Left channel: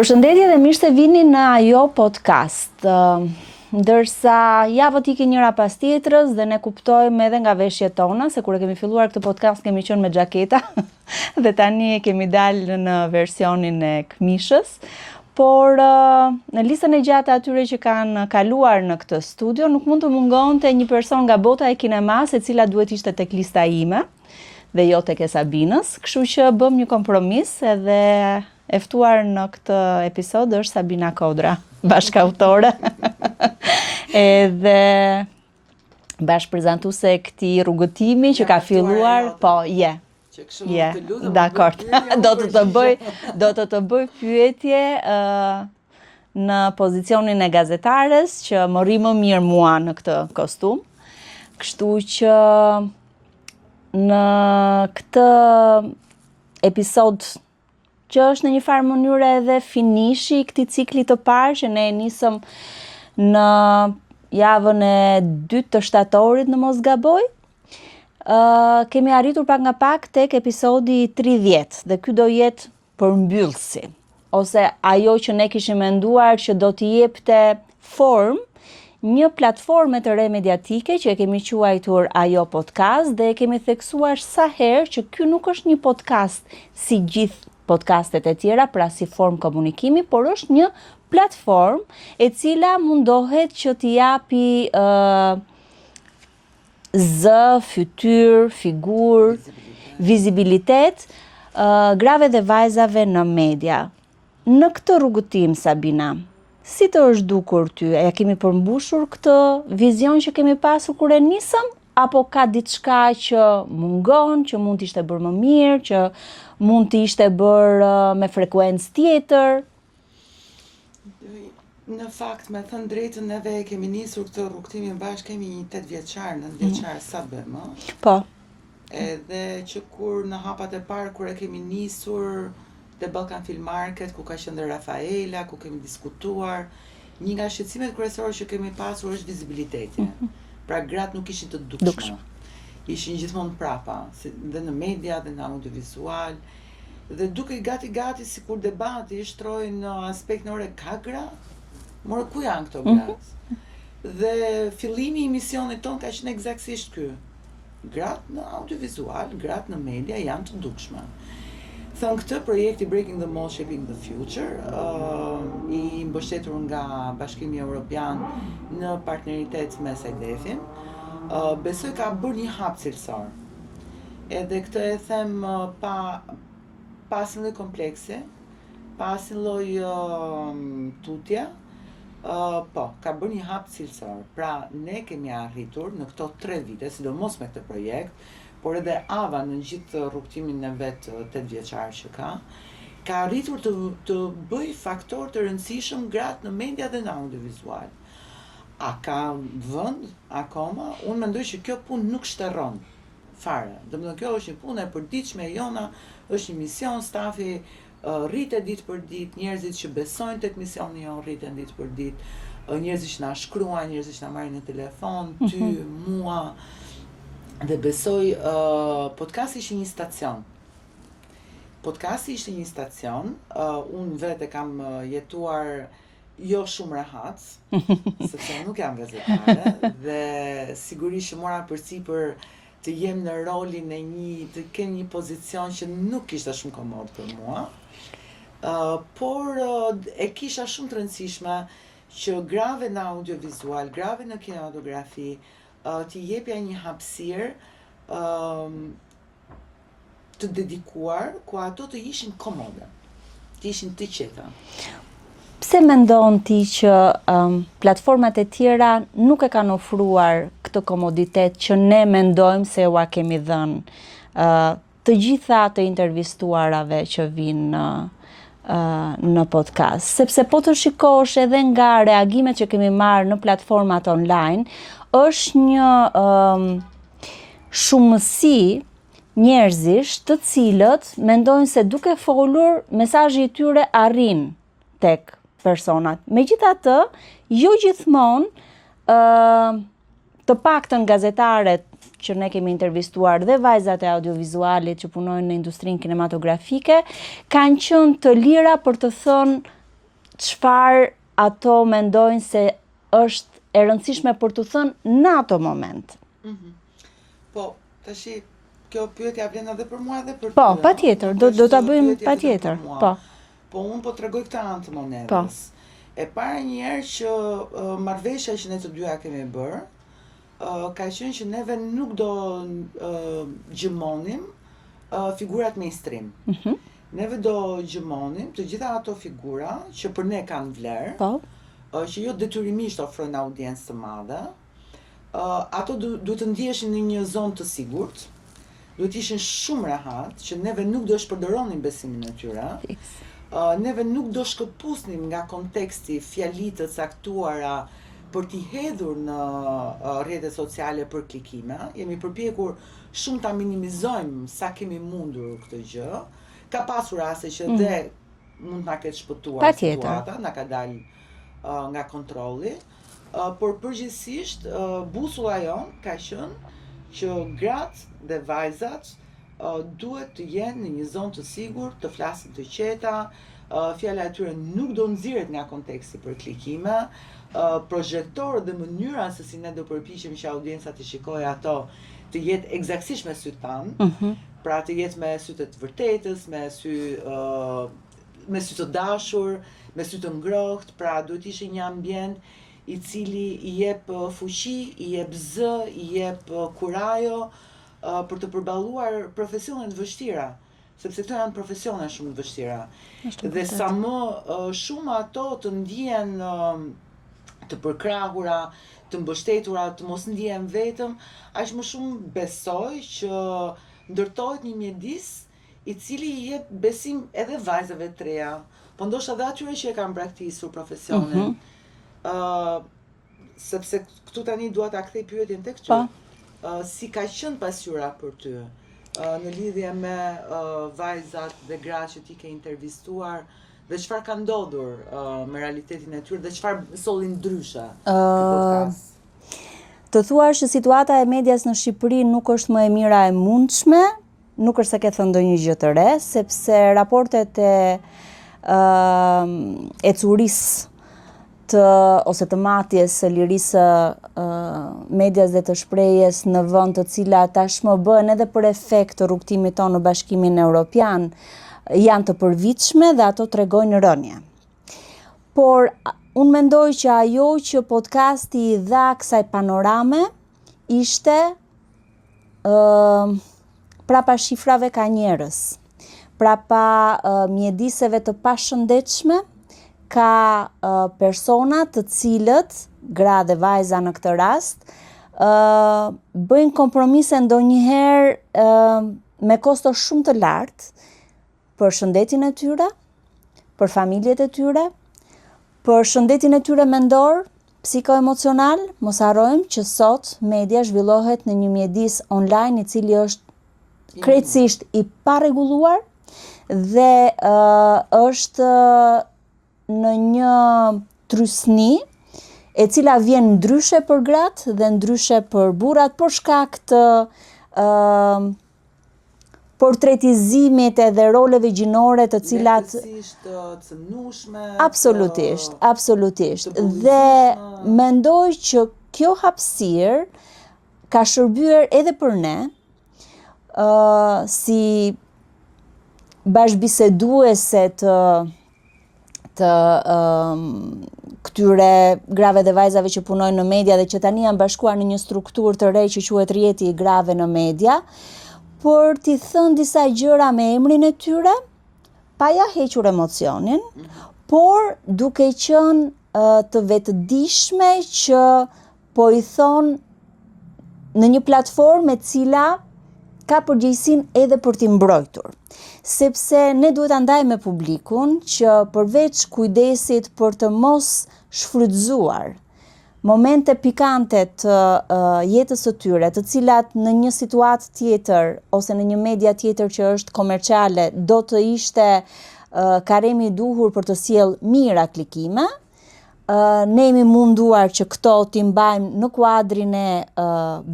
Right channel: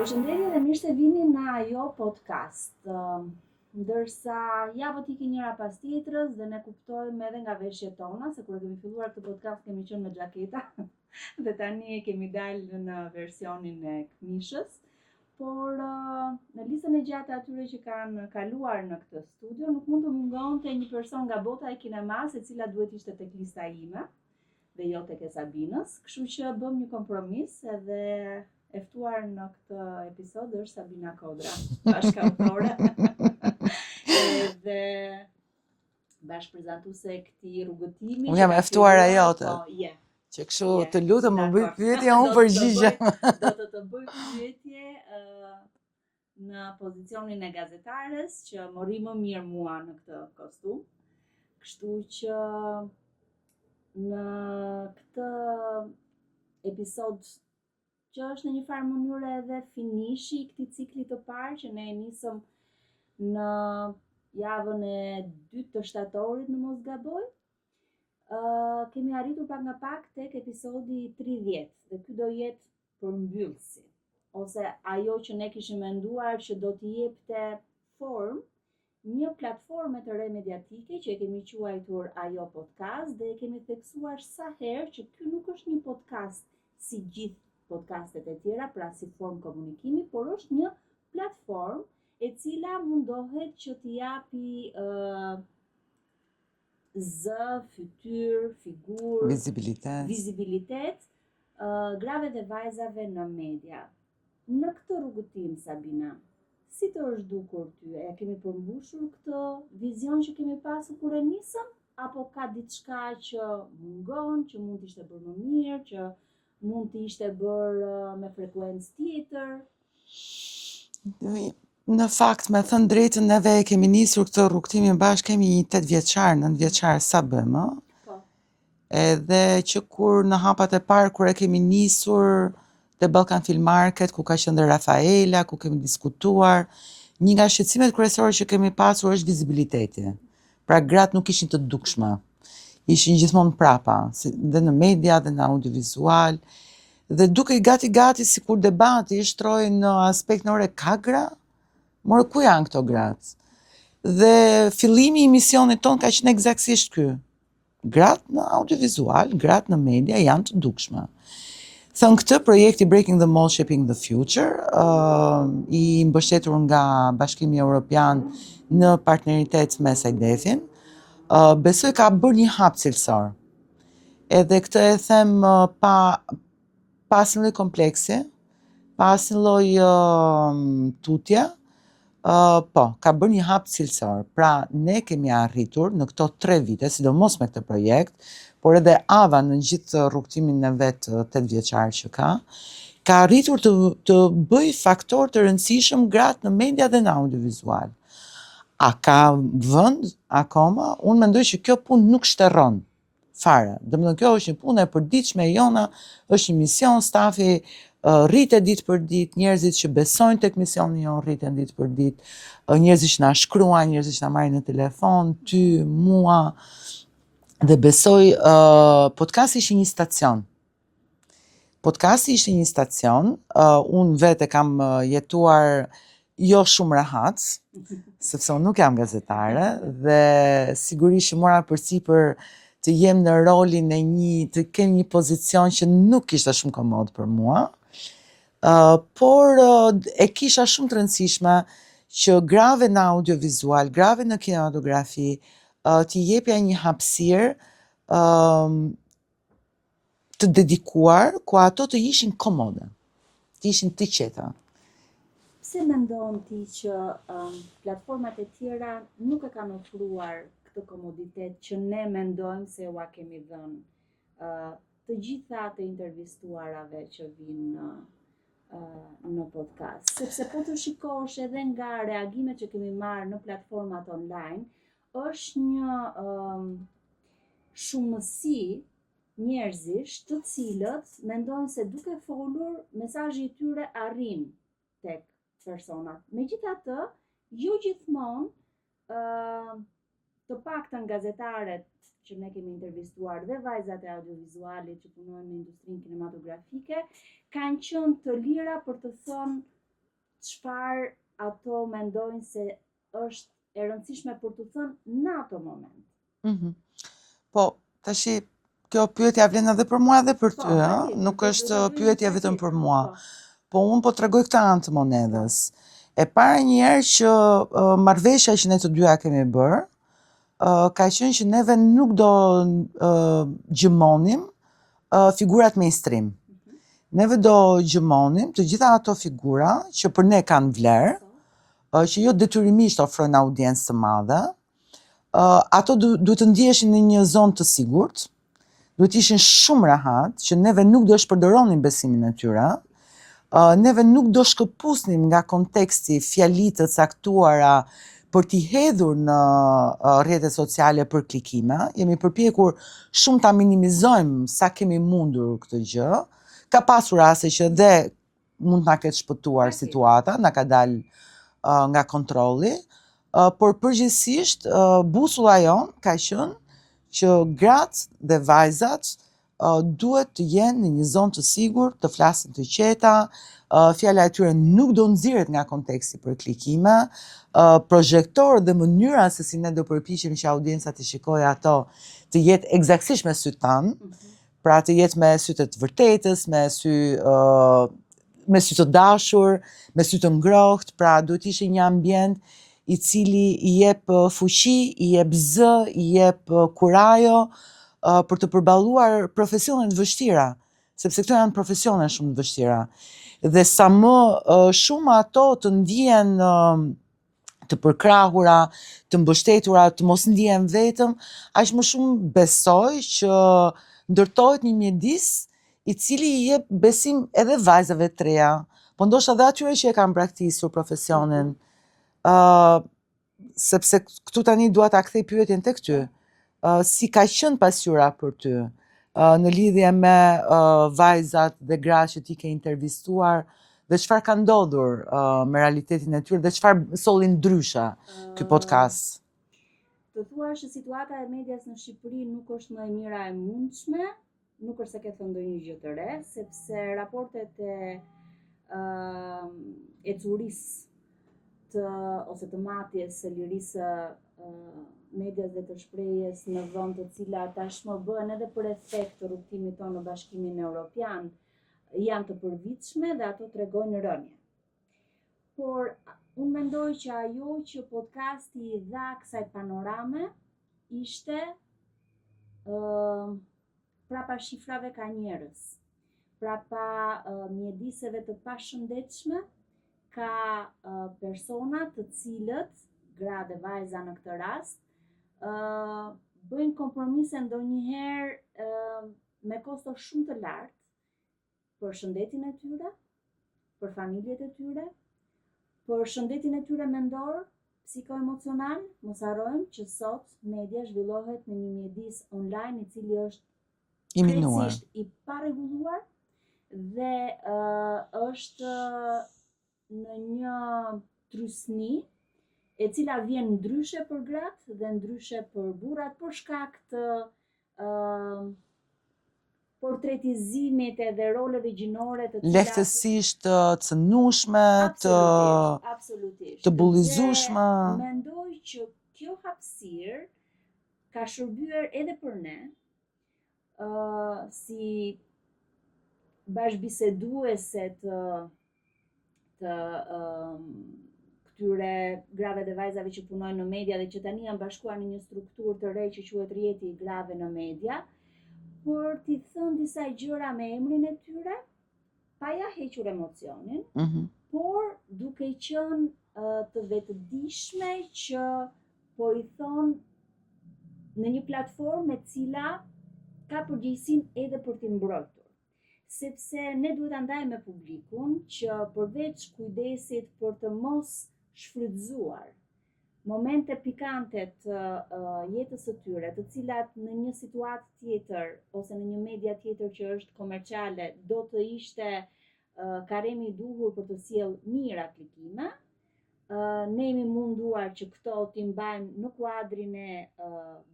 Përshëndetje dhe mirë se vini në Ajo Podcast. Ndërsa javët i ke njëra pas tjetrës dhe ne kuptojmë edhe nga veshjet tona, se kur e kemi filluar këtë podcast kemi qenë me xhaketa dhe tani e kemi dalë në versionin e këmishës. Por në listën e gjatë atyre që kanë kaluar në këtë studio nuk mund të mungonte një person nga bota e kinemas e cila duhet ishte tek lista ime dhe jo tek e Sabinës, kështu që bëm një kompromis edhe e ftuar në këtë episod është Sabina Kodra, bashkëautore edhe bashkëprezantuese e këtij rrugëtimi që ka filluar, po, Që kështu të lutem do të bëj pyetje në pozicionin e gazetares që më rri më mirë mua në këtë kostum. Kështu që në këtë episod që është në një farë mënyrë edhe finishi i këtij cikli të parë që ne e nisëm në javën e 2 të shtatorit në mos gaboj. Kemi arritur pak nga pak tek episodi 30 dhe ky do jetë përmbyllësi ose ajo që ne kishim menduar që do t'i jepte formë një platforme të re mediatike që e kemi quajtur Ajo Podcast dhe e kemi theksuar sa herë që ky nuk është një podcast si gjithë podcastet e tjera, pra si formë komunikimi, por është një platformë e cila mundohet që t'i japi fytyrë, figurë, vizibilitet grave dhe vajzave në media. Në këtë rrugëtim, Sabina, si të është dukur ty? E kemi përmbushur këtë vizion që kemi pasur kur e nisëm? Apo ka diçka që mungon, që mund t'ishte bërë më mirë, që mund t'ishte bërë me frekuencë tjetër? Në fakt, me thënë drejtën, neve kemi nisur këtë rrugtimin bashkë, kemi një 8 vjeçar, 9 vjeçar sa bëmë. Po. Edhe që kur në hapat e parë, kur e kemi nisur te Balkan Film Market, ku ka qenë Rafaela, ku kemi diskutuar, një nga shqetësimet kryesore që kemi pasur është vizibiliteti. Pra gratë nuk ishin të dukshme. Ishin gjithmonë prapa, dhe në media, dhe në audiovizual, dhe duke i gati si kur debati shtroi në aspekt në ore ka gra, more ku janë këto gratë? Dhe fillimi i misionit ton ka qenë eksaktësisht ky. Gratë në audiovizual, gratë në media janë të dukshme. Thënë këtë, projekti Breaking the Mold, Shaping the Future, i mbështetur nga Bashkimi Evropian në partneritet me SAIDEF-in, besoj ka bërë një hap cilësor. Edhe këtë e them pa asnjë lloj kompleksi, pa asnjë lloj tutje, po, ka bërë një hap cilësor. Pra, ne kemi arritur në këto 3 vite, sidomos me këtë projekt, por edhe Ava në gjithë rrugtimin e vetë 8 vjeçar që ka arritur të bëj faktor të rëndësishëm gratë në media dhe në audiovizual. A ka vend akoma? Unë mendoj që kjo punë nuk shterron fare. Domethënë kjo është një punë e përditshme e jona, është një mision, stafi rritet ditë për ditë, njerëzit që besojnë tek misioni jon rriten ditë për ditë, njerëzit që na shkruajnë, njerëzit që na marrin në telefon, ty, mua. Dhe besoj, podcasti ishte një stacion. Podcasti ishte një stacion, unë vetë kam jetuar jo shumë rahat, sepse unë nuk jam gazetare, dhe sigurisht që mora përsipër të jem në rolin e të kem një pozicion që nuk ishte shumë komod për mua, por e kisha shumë të rëndësishme që grave në audiovizual, grave në kinematografi, t'i jepja një hapësirë të dedikuar, ku ato të ishin komode, të ishin të qeta. Pse mendon ti që platformat e tjera nuk e kanë ofruar këtë komoditet që ne mendojmë se ua kemi dhënë të gjitha të intervistuarave që vinë në podcast? Sepse po të shikosh edhe nga reagimet që kemi marrë në platformat online, është një shumësi njerëzish të cilët mendojnë se duke folur, mesazhi i tyre arrin tek personat. Megjithatë, jo gjithmonë të paktën gazetaret që ne kemi intervistuar dhe vajzat e audiovizualit që punojnë në industrinë kinematografike, kanë qenë të lira për të thënë çfarë ato mendojnë se është e rëndësishme për të thënë në ato moment. Po, tashi, kjo pyetja vlen edhe për mua dhe për ty. Po, patjetër, do ta bëjmë pyetja vetëm patjetër. për mua. Po, unë po tregoj këtë anë të monedës. E para njerë që marrëveshja që ne të dyja kemi bërë, ka qenë që neve nuk do gjëmonim figurat mainstream. Neve do gjëmonim të gjitha ato figura që për ne kanë vlerë, që jo detyrimisht ofrojnë audiencë të madhe. Ato duhet të ndiheshin në një zonë të sigurt, duhet ishin shumë rahat, që neve nuk do shpërdoronim besimin e tyre, neve nuk do shkëpusnim nga konteksti fjalitë të caktuara për t'i hedhur në rrjetet sociale për klikime. Jemi përpjekur shumë ta minimizojmë sa kemi mundur këtë gjë. Ka pasur raste që dhe mund t'na ketë shpëtuar situata, na ka dalë nga kontrolli, por përgjithsisht busulla jon ka qenë që gratë dhe vajzat duhet të jenë në një zonë të sigurt, të flasin të qeta, fjala e tyre nuk do nxirret nga konteksti për klikime, projektor dhe mënyra se si ne do përpiqemi që audienca të shikojë ato të jetë eksaktësisht me sytë tanë, pra të jetë me sytë të vërtetës, me sy të dashur, me sy të ngrohtë, pra duhet ishte një ambient i cili i jep fuqi, i jep zë, i jep kurajo për të përballuar profesione të vështira, sepse këto janë profesione shumë të vështira. Dhe sa më shumë ato të ndihen të përkrahura, të mbështetura, të mos ndihen vetëm, aq më shumë besoj që ndërtohet një mjedis i cili i jep besim edhe vajzave të reja, po ndoshta edhe atyre që e kanë braktisur profesionin. Sepse këtu tani dua ta kthej pyetjen tek ty. Si ka qenë pasqyra për ty në lidhje me vajzat dhe gratë që ti ke intervistuar, dhe çfarë ka ndodhur me realitetin e tyre dhe çfarë solli ndryshe ky podcast? Të thuash që situata e medias në Shqipëri nuk është më e mira e mundshme, nuk është se ke thënë ndonjë gjë të re, sepse raportet e curisë ose të matjes së lirisë medias dhe të shprehjes në vend të cilat tashmë bëhen edhe për efekt të rrugtimit tonë në Bashkimin Evropian, janë të përvitshme dhe ato tregojnë rënje. Por unë mendoj që ajo që podcasti i dha kësaj panorame ishte prapa shifrave ka njerëz, prapa mjediseve të pashëndetshme, ka persona të cilët, gra dhe vajza në këtë rast, bëjnë kompromise ndonjëherë me kosto shumë të lartë për shëndetin e tyre, për familjet e tyre, për shëndetin e tyre mendor, psikoemocional. Mos harrojmë që sot media zhvillohet në një mjedis online i cili është krejtësisht i parregulluar dhe është në një trysni e cila vjen ndryshe për gratë dhe ndryshe për burrat për shkak të portretizimit edhe roleve gjinore të cilat lehtësisht të cënueshme, absolutisht. të bullëzueshme. Dhe mendoj që kjo hapësirë ka shërbyer edhe për ne si bashkëbiseduese të këtyre grave dhe vajzave që punojnë në media dhe që tani janë bashkuar në një strukturë të re që quhet Rrjeti i Grave në Media, por t'i thënë disa gjëra me emrin e tyre, pa ja hequr emocionin, por duke qenë të vetëdijshme që po i thonë në një platformë e cila ka përgjegjësinë edhe për t'i mbrojtur. Sepse ne duhet ta ndajmë me publikun që përveç kujdesit për të mos shfrytzuar momente pikante të jetës së tyre, të cilat në një situatë tjetër ose në një media tjetër që është komerciale do të ishte karemi i duhur për të sjellë mira klikime, ne jemi munduar që këto t'i mbajmë në kuadrin e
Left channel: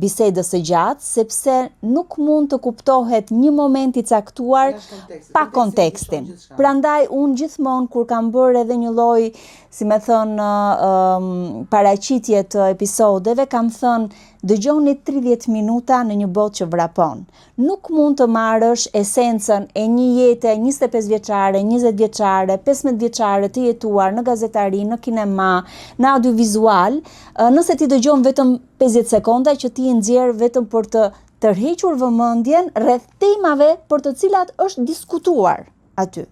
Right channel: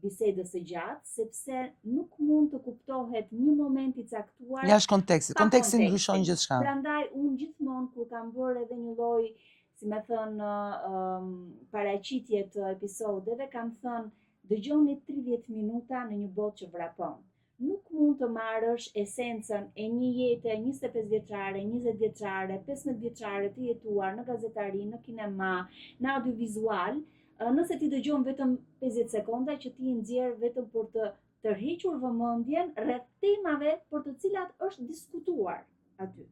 bisedës së gjatë, sepse nuk mund të kuptohet një moment i caktuar jashtë kontekstit. pa Konteksti ndryshon kontekstin. gjithçka. Prandaj unë gjithmonë kur kam bërë edhe një lloj, si me thënë, paraqitje të episodeve, kam thënë dëgjoni 30 minuta në një botë që vrapon. Nuk mund të marrësh esencën e një jete 25 vjeçare, 20 vjeçare, 15 vjeçare të jetuar në gazetari, në kinema, në audiovizual, nëse ti dëgjon vetëm 50 sekonda që ti nxjerr vetëm për të tërhequr vëmendjen rreth temave për të cilat është diskutuar aty.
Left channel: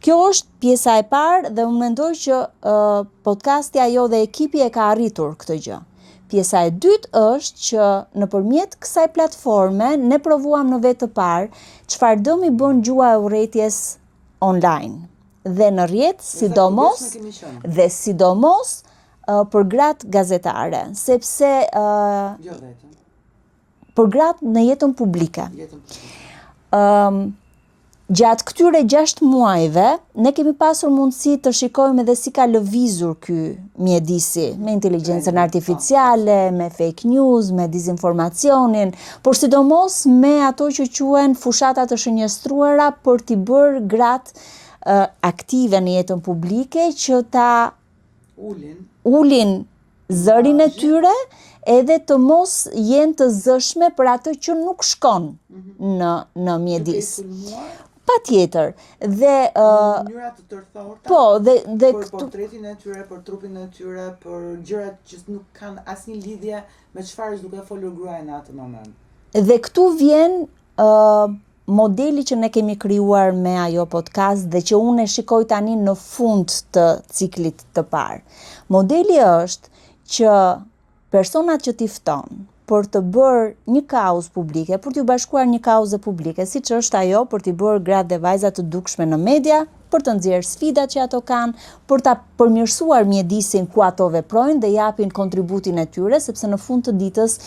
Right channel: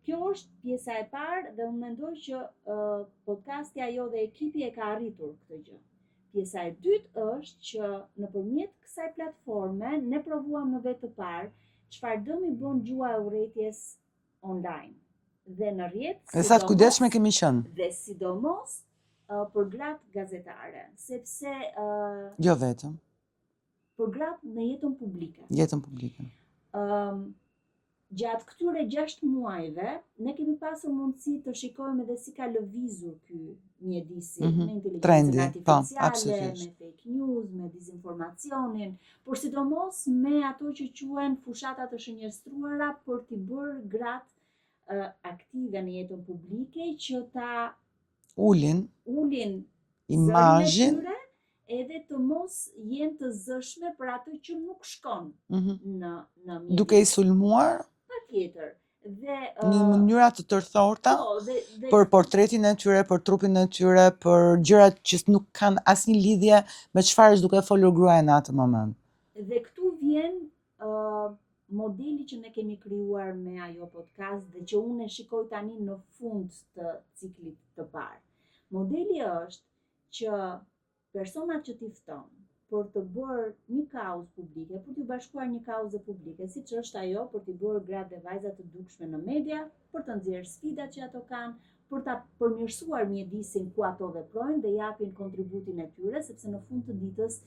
Kjo është pjesa e parë dhe unë mendoj që podcasti ajo dhe ekipi e ka arritur këtë gjë. Pjesa e dytë është që nëpërmjet kësaj platforme ne provuam në vetë të parë çfarë dëmi bën gjua e urrëties online dhe në rrjet, sidomos kemi qenë. Dhe sidomos për gratë gazetare, sepse Jo vetëm. Për gratë në jetën publike. Jetën publike. Gjatë këtyre 6 muajve, ne kemi pasur mundësi të shikojmë edhe si ka lëvizur ky mjedisi, me inteligjencën artificiale, me fake news, me dizinformacionin, por sidomos me ato që quhen fushata të shënjestruara për t'i bërë gratë aktive në jetën publike që ta ulin zërin e tyre edhe të mos jenë të zëshme për atë që nuk shkon në mjedis. Duke i sulmuar? Patjetër. Dhe në mënyra të tërthorta, dhe për portretin e tyre, për trupin e tyre, për gjërat që nuk kanë asnjë lidhje me çfarë është duke folur gruaja në atë moment. Dhe këtu vjen modeli që ne kemi krijuar me ajo podcast dhe që unë e shikoj tani në fund të ciklit të parë. Modeli është që personat që t'i fton për të bërë një kauzë publike, për t'ju bashkuar një kauze publike, siç është ajo për t'i bërë gratë dhe vajza të dukshme në media, për të nxjerrë sfidat që ato kanë, për ta përmirësuar mjedisin ku ato veprojnë dhe japin kontributin e tyre, sepse në fund të ditës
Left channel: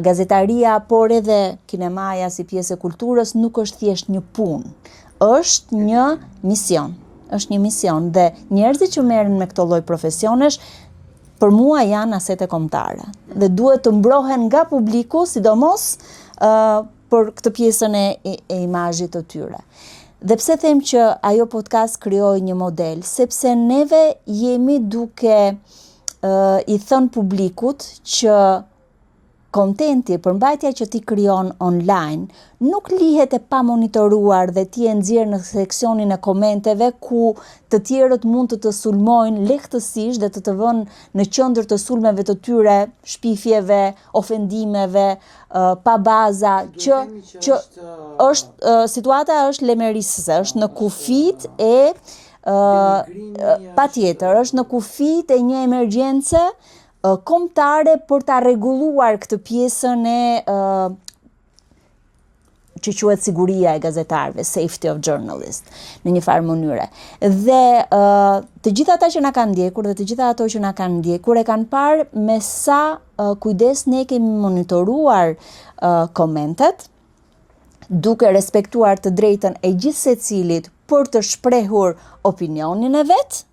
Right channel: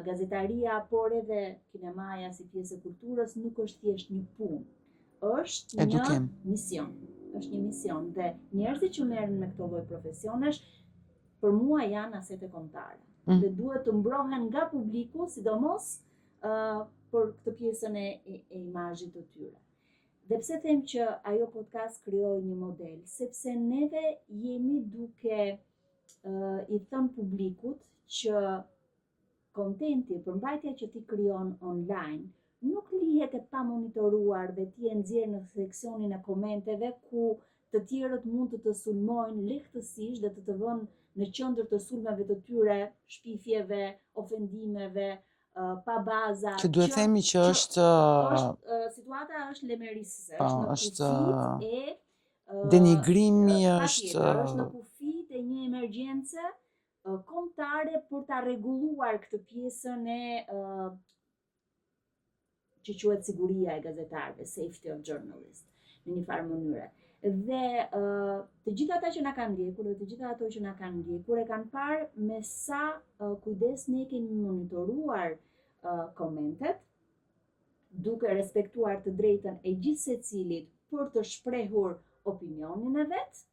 gazetaria, por edhe kinemaja si pjesë e kulturës nuk është thjesht një punë, është një mision. Është një mision dhe njerëzit që merren me këtë lloj profesionesh për mua janë asete kombëtare dhe duhet të mbrohen nga publiku, sidomos për këtë pjesën e imazhit të tyre. Dhe pse them që ajo podcast krijoi një model, sepse neve jemi duke i thënë publikut që kontenti, përmbajtja që ti krijon online, nuk lihet e pa monitoruar dhe ti e nxjerr në seksionin e komenteve ku të tjerët mund të sulmojnë lehtësisht dhe të vënë në qendër të sulmeve të tyre, shpifjeve, ofendimeve, pa baza. Që duhet themi që situata është lemerisëse, është në kufit e denigrimi, patjetër, është në kufit e një emergjence kombëtare për ta rregulluar këtë pjesën e që quhet siguria e gazetarëve, safety of journalists, në një farë mënyre. Dhe të gjithë ata që na kanë ndjekur dhe të gjitha ato që na kanë ndjekur e kanë parë me sa kujdes ne kemi monitoruar komentet, duke respektuar të drejtën e gjithë secilit për të shprehur opinionin e vet,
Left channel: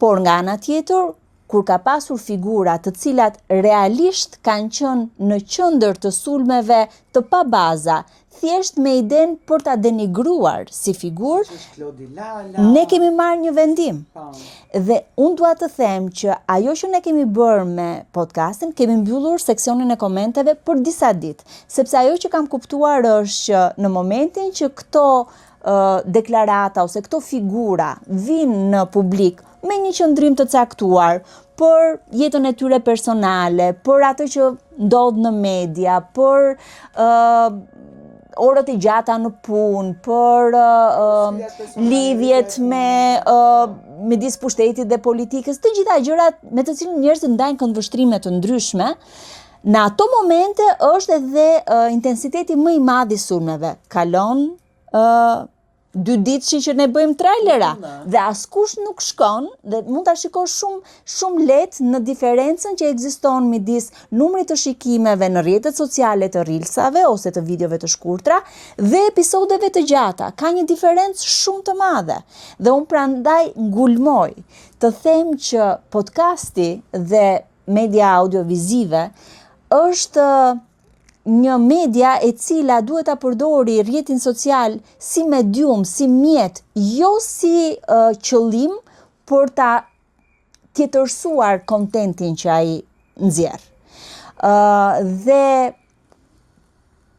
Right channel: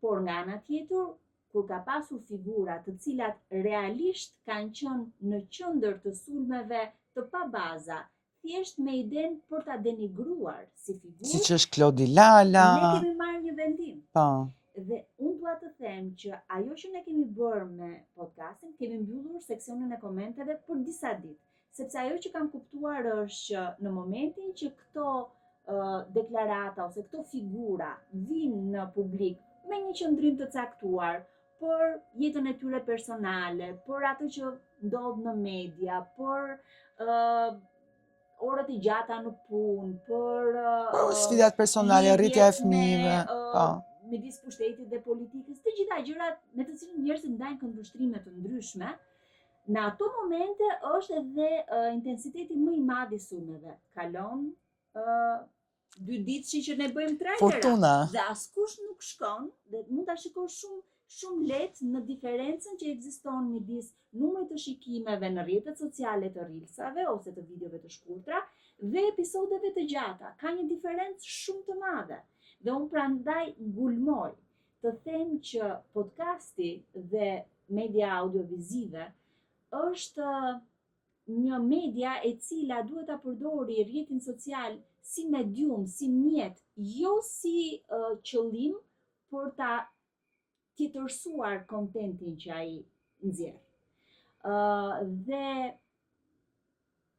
por nga ana tjetër kur ka pasur figura të cilat realisht kanë qenë në qendër të sulmeve të pa baza, thjesht me idenë për ta denigruar si figurë, siç është Klodi Lala, ne kemi marrë një vendim. Dhe unë dua të them që ajo që ne kemi bërë me podcastin, kemi mbyllur seksionin e komenteve për disa ditë, sepse ajo që kam kuptuar është që në momentin që këto deklarata ose këto figura vinë në publik me një qëndrim të caktuar për jetën e tyre personale, për atë që ndodh në media, për orët e gjata në punë, për lidhjet midis pushtetit dhe politikës, të gjitha gjërat me të cilën njerëzit ndajnë këndvështrime të ndryshme, në ato momente është edhe intensiteti më i madh i sulmeve. Kalon 2 ditë që ne bëjmë trailera Fortuna. dhe askush nuk shkon dhe mund ta shikosh shumë lehtë në diferencën që ekziston midis numrit të shikimeve në rrjetet sociale të reelsave ose të videove të shkurtra dhe episodeve të gjata. Ka një diferencë shumë të madhe. Dhe unë prandaj ngulmoj të them që podcasti dhe media audiovizive është një media e cila duhet ta përdori rrjetin social si medium, si mjet, jo si qëllim për ta tjetërsuar kontentin që ai nxjerr. Dhe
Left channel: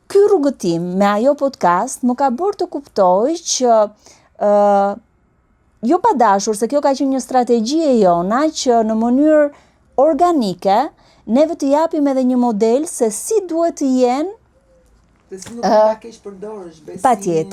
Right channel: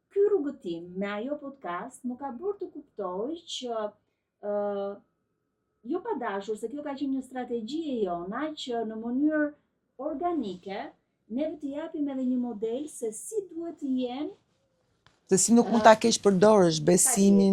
ky rrugëtim me ajo podcast më ka bërë të kuptoj që jo pa dashur, se kjo ka qenë një strategji e jona që në mënyrë organike neve të japim edhe një model se si duhet të jenë. Dhe si nuk mund ta keq përdorësh besimin,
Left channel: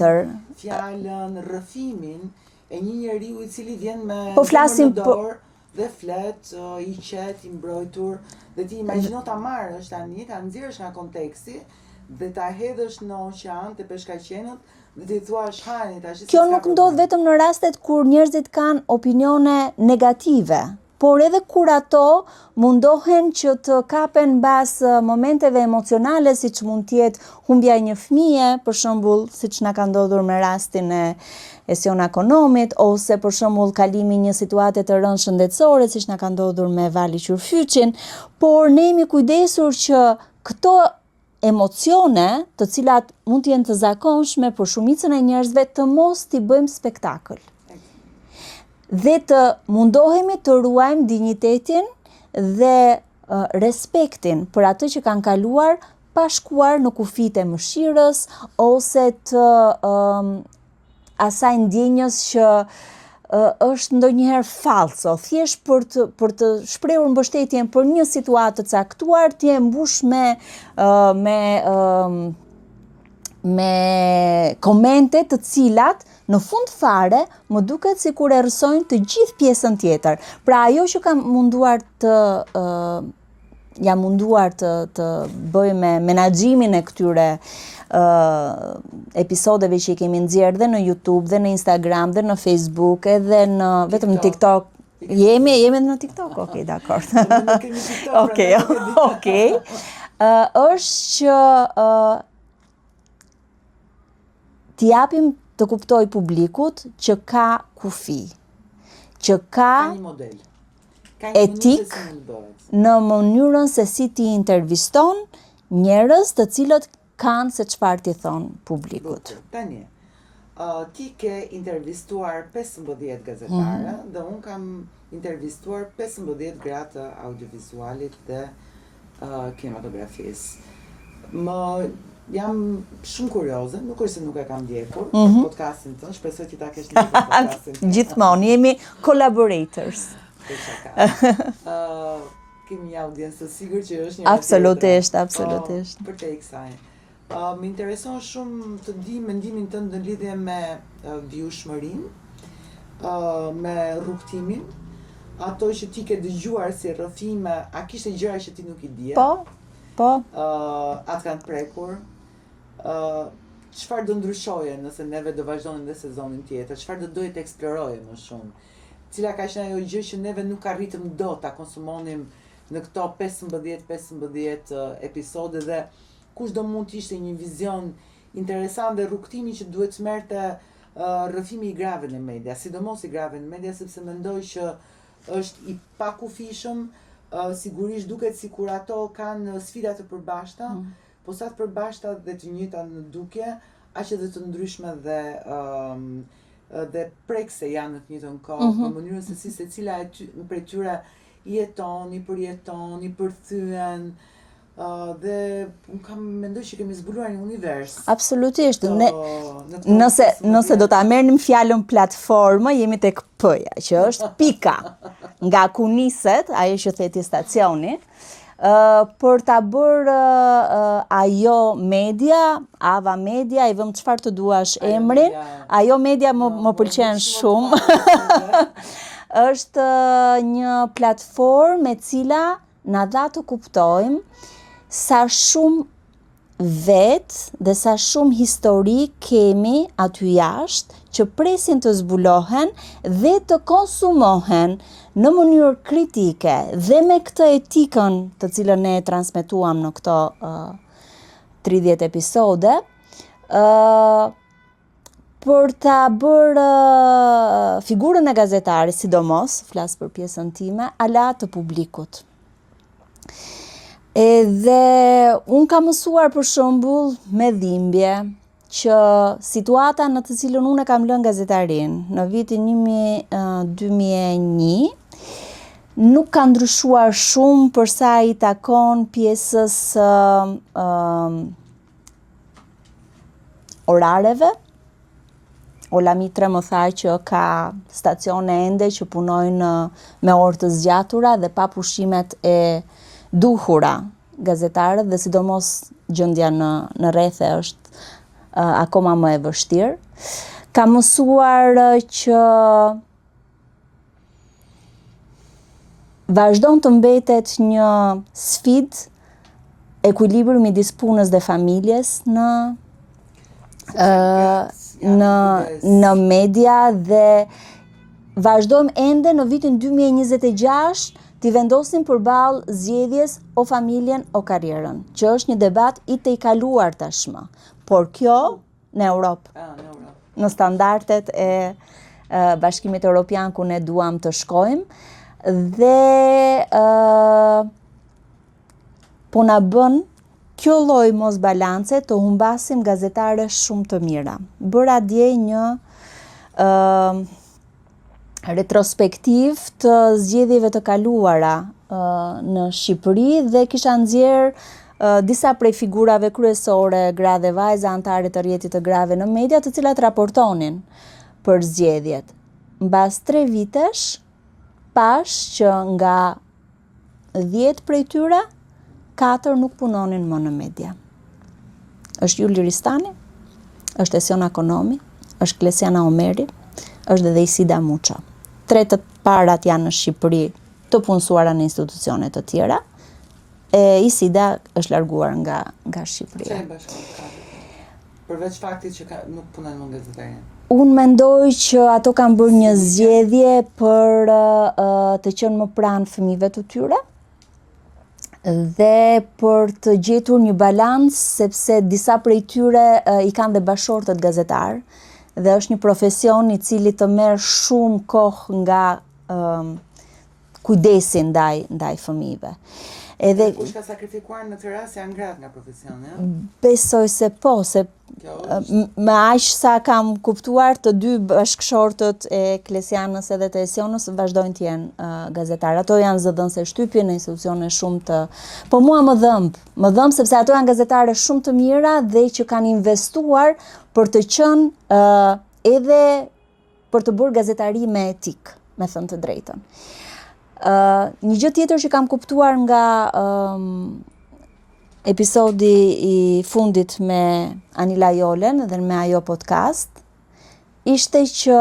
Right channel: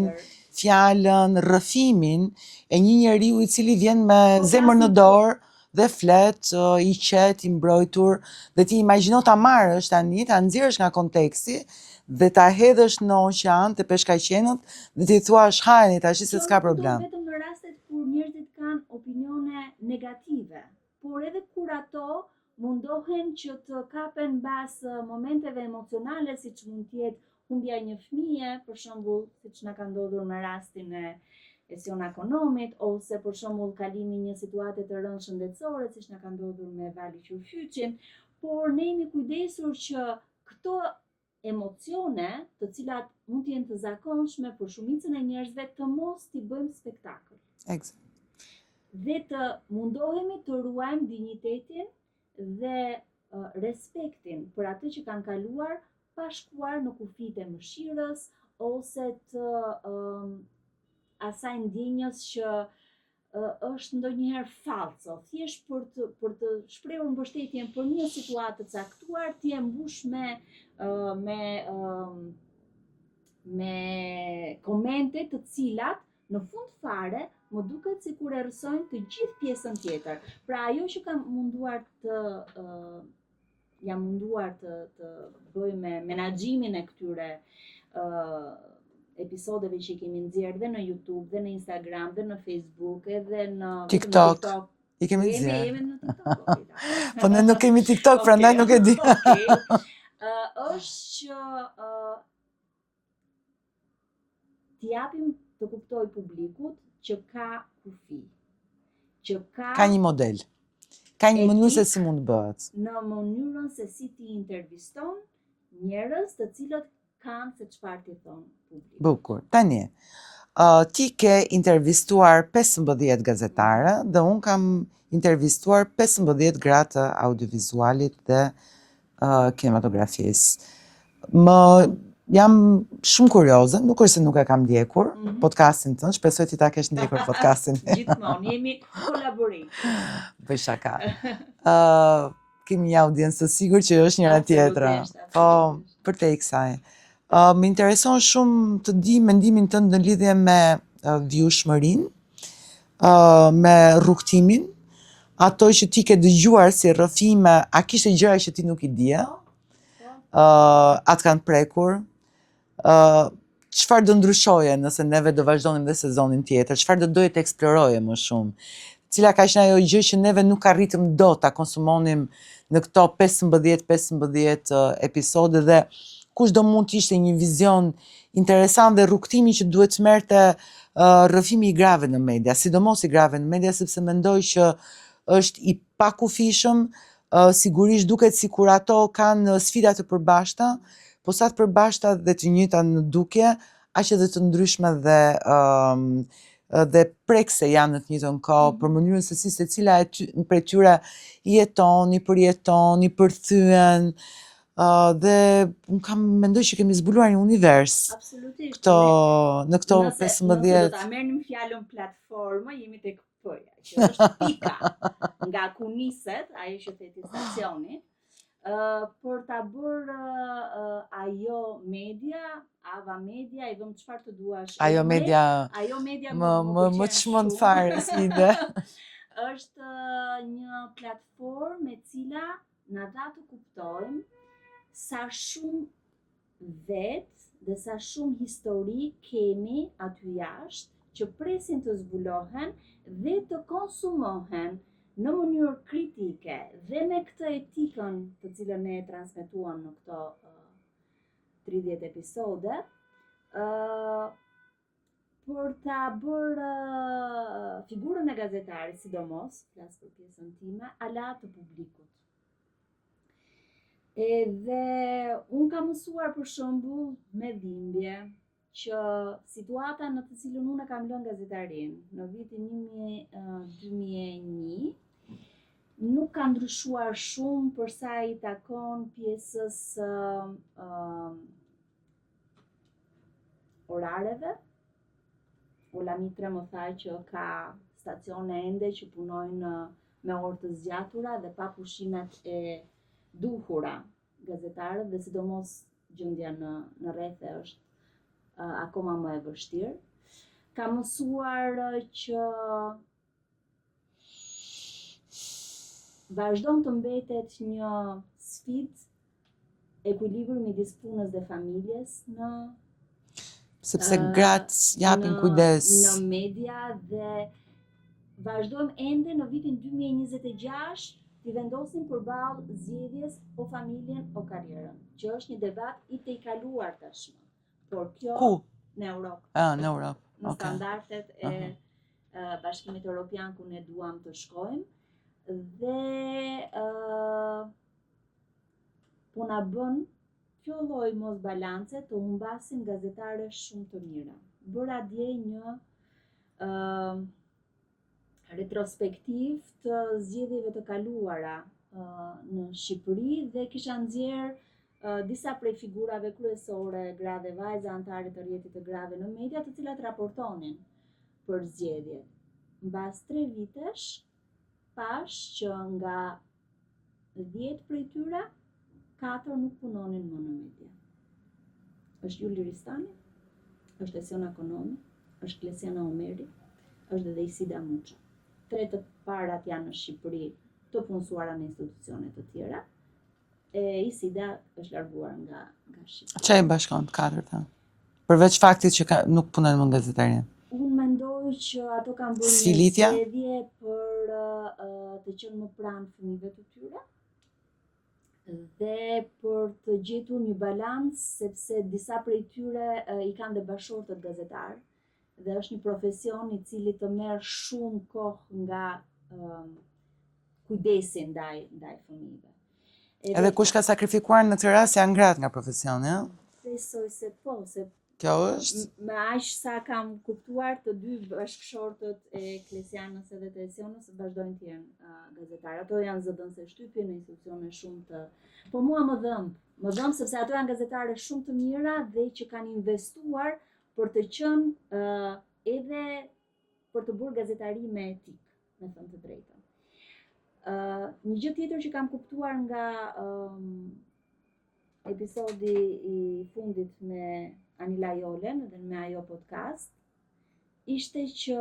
fjalën, rrëfimin e një njeriu i cili vjen me zemër në dorë dhe flet, i qet, i mbrojtur, dhe ti imagjino ta marrësh tani, ta nxjerrësh nga konteksti dhe ta hedhësh në oqean të peshkaqenët dhe ti thuash hajeni tash se s'ka problem. Kjo nuk ndodh vetëm në rastet kur njerëzit kanë opinione negative, por edhe kur ato mundohen që të kapen mbas momenteve emocionale, siç mund të jetë humbja e një fëmije, për shembull, siç na ka ndodhur me rastin e Sion Akonomit, ose për shembull kalimi një situate të rëndë shëndetësore, siç na ka ndodhur me Vali Qyrfyçin, por ne jemi kujdesur që këto emocione, të cilat mund të jenë të zakonshme për shumicën e njerëzve, të mos t'i bëjmë spektakël. Dhe të mundohemi të ruajmë dinjitetin dhe respektin për atë që kanë kaluar pa shkuar në kufit e mëshirës ose të asaj ndjenjës që është ndonjëherë falso, thjesht për të shprehur mbështetjen për një situatë të caktuar, ti e mbush me komente të cilat në fund fare më duket sikur e rrësojnë të gjithë pjesën tjetër. Pra ajo që kam munduar të bëj me menaxhimin e këtyre episodeve që i kemi nxjerrë dhe në YouTube, dhe në Instagram, dhe në Facebook, edhe në vetëm në TikTok. Jemi në TikTok, okej, dakor. Po ne nuk kemi TikTok, prandaj nuk e di. Okej. Është që t'i japim të kuptoj publikut që ka kufi, që ka një model, ka një mënyrë se si mund bëhet. Në mënyrën se si ti interviston njerëz të cilët kanë se çfarë ti thon publikut. Bukur. Tani, ti ke intervistuar 15 gazetare dhe unë kam intervistuar 15 gratë të audiovizualit dhe kinematografisë. Jam shumë kurioze, nuk është se nuk e kam ndjekur podcastin tënd, shpresoj ti ta kesh ndjekur podcastin. Gjithmonë jemi collaborators. Për shaka. Kemi një audiencë të sigurt që është njëra tjetra. Absolutisht. Për te i kësaj. Më intereson shumë të di mendimin tënd në lidhje me vjushmërinë, me rrugtimin, ato që ti ke dëgjuar si rrëfime, a kishte gjëra që ti nuk i dije? Po. Atë kanë prekur. Çfarë do ndryshoje nëse neve do vazhdonim dhe sezonin tjetër? Çfarë do doje të eksploroje më shumë? Cila ka qenë ajo gjë që neve nuk arritëm dot ta konsumonim në këto 15 episode dhe kush do mund të ishte një vizion interesant dhe rrugtimi që duhet të merrte rrëfimi i grave në media, sidomos i grave në media, sepse mendoj që është i pakufishëm, sigurisht duket sikur ato kanë sfida të përbashkëta, po sa të përbashkëta dhe të njëjta në dukje, aq edhe të ndryshme dhe prekse janë në të njëjtën kohë, për mënyrën se si secila prej tyre i jeton, i përjeton, i përthyen, dhe unë mendoj që kemi zbuluar një univers. Absolutisht. Në këto Nëse do ta merrnim fjalën platformë, jemi tek P-ja, që është pika. Nga ku niset ajo që theti stacioni, për ta bërë ajo media, Ava Media, i vëm çfarë të duash emrin. Ajo media më pëlqen shumë. Është një platformë e cila na dha të kuptojmë sa shumë vetë dhe sa shumë histori kemi aty jashtë që presin të zbulohen dhe të konsumohen në mënyrë kritike dhe me këtë etikën të cilën ne transmetuam në këto 30 episode, për ta bërë figurën e gazetarit, sidomos, flas për pjesën time, ala të publikut. Edhe unë kam mësuar për shembull me dhimbje që situata në të cilën unë kam lënë gazetarin në vitin 2001 nuk ka ndryshuar shumë për sa i takon pjesës orareve. Ola Mitre më tha që ka stacione ende që punojnë me orë të zgjatura dhe pa pushimet e duhura gazetarët dhe sidomos gjendja në rrethe është akoma më e vështirë. Ka mësuar që vazhdon të mbetet një sfidë ekuilibri midis punës dhe familjes në media dhe vazhdojmë ende në vitin 2026 t'i vendosim përballë zgjedhjes o familjen o karrierën, që është një debat i tejkaluar tashmë. Por kjo në Europë. Në Europë. Në standardet e Bashkimit Evropian ku ne duam të shkojmë dhe po na bën kjo lloj mos balance të humbasim gazetare shumë të mira. Bëra dje një retrospektiv të zgjedhjeve të kaluara në Shqipëri dhe kisha nxjerr disa prej figurave kryesore, gra dhe vajza, anëtare të rrjetit të grave në media, të cilat raportonin për zgjedhjet. Mbas 3 vitesh, pash që nga 10 prej tyre, 4 nuk punonin më në media. Është Juli Ristani, është Esiona Konomi, është Klesiana Omeri, është edhe Isida Muça. 3 të parat janë në Shqipëri të punësuara në institucione të tjera. Isida është larguar nga Shqipëria. Çfarë bashkon katërt? Përveç faktit që nuk punojnë më gazetarin. Unë mendoj që ato kanë bërë një zgjedhje për të qenë më pranë fëmijëve të tyre dhe për të gjetur një balancë, sepse disa prej tyre i kanë dhe bashortët gazetar dhe është një profesion i cili të merr shumë kohë nga kujdesi ndaj fëmijëve. Edhe kush ka sakrifikuar në të rast janë gratë nga profesioni, ja? Besoj se po, se me aq sa kam kuptuar të dy bashkëshortët e Klesianës edhe të Esionës vazhdojnë të jenë gazetarë. Ato janë zëdhënëse shtypje në institucione shumë të... Po mua më dhëmb sepse ato janë gazetare shumë të mira dhe që kanë investuar për të qenë edhe për të bërë gazetari me etik, me thënë të drejtën. Një gjë tjetër që kam kuptuar nga episodi i fundit me Anila Jolen dhe me ajo podcast, ishte që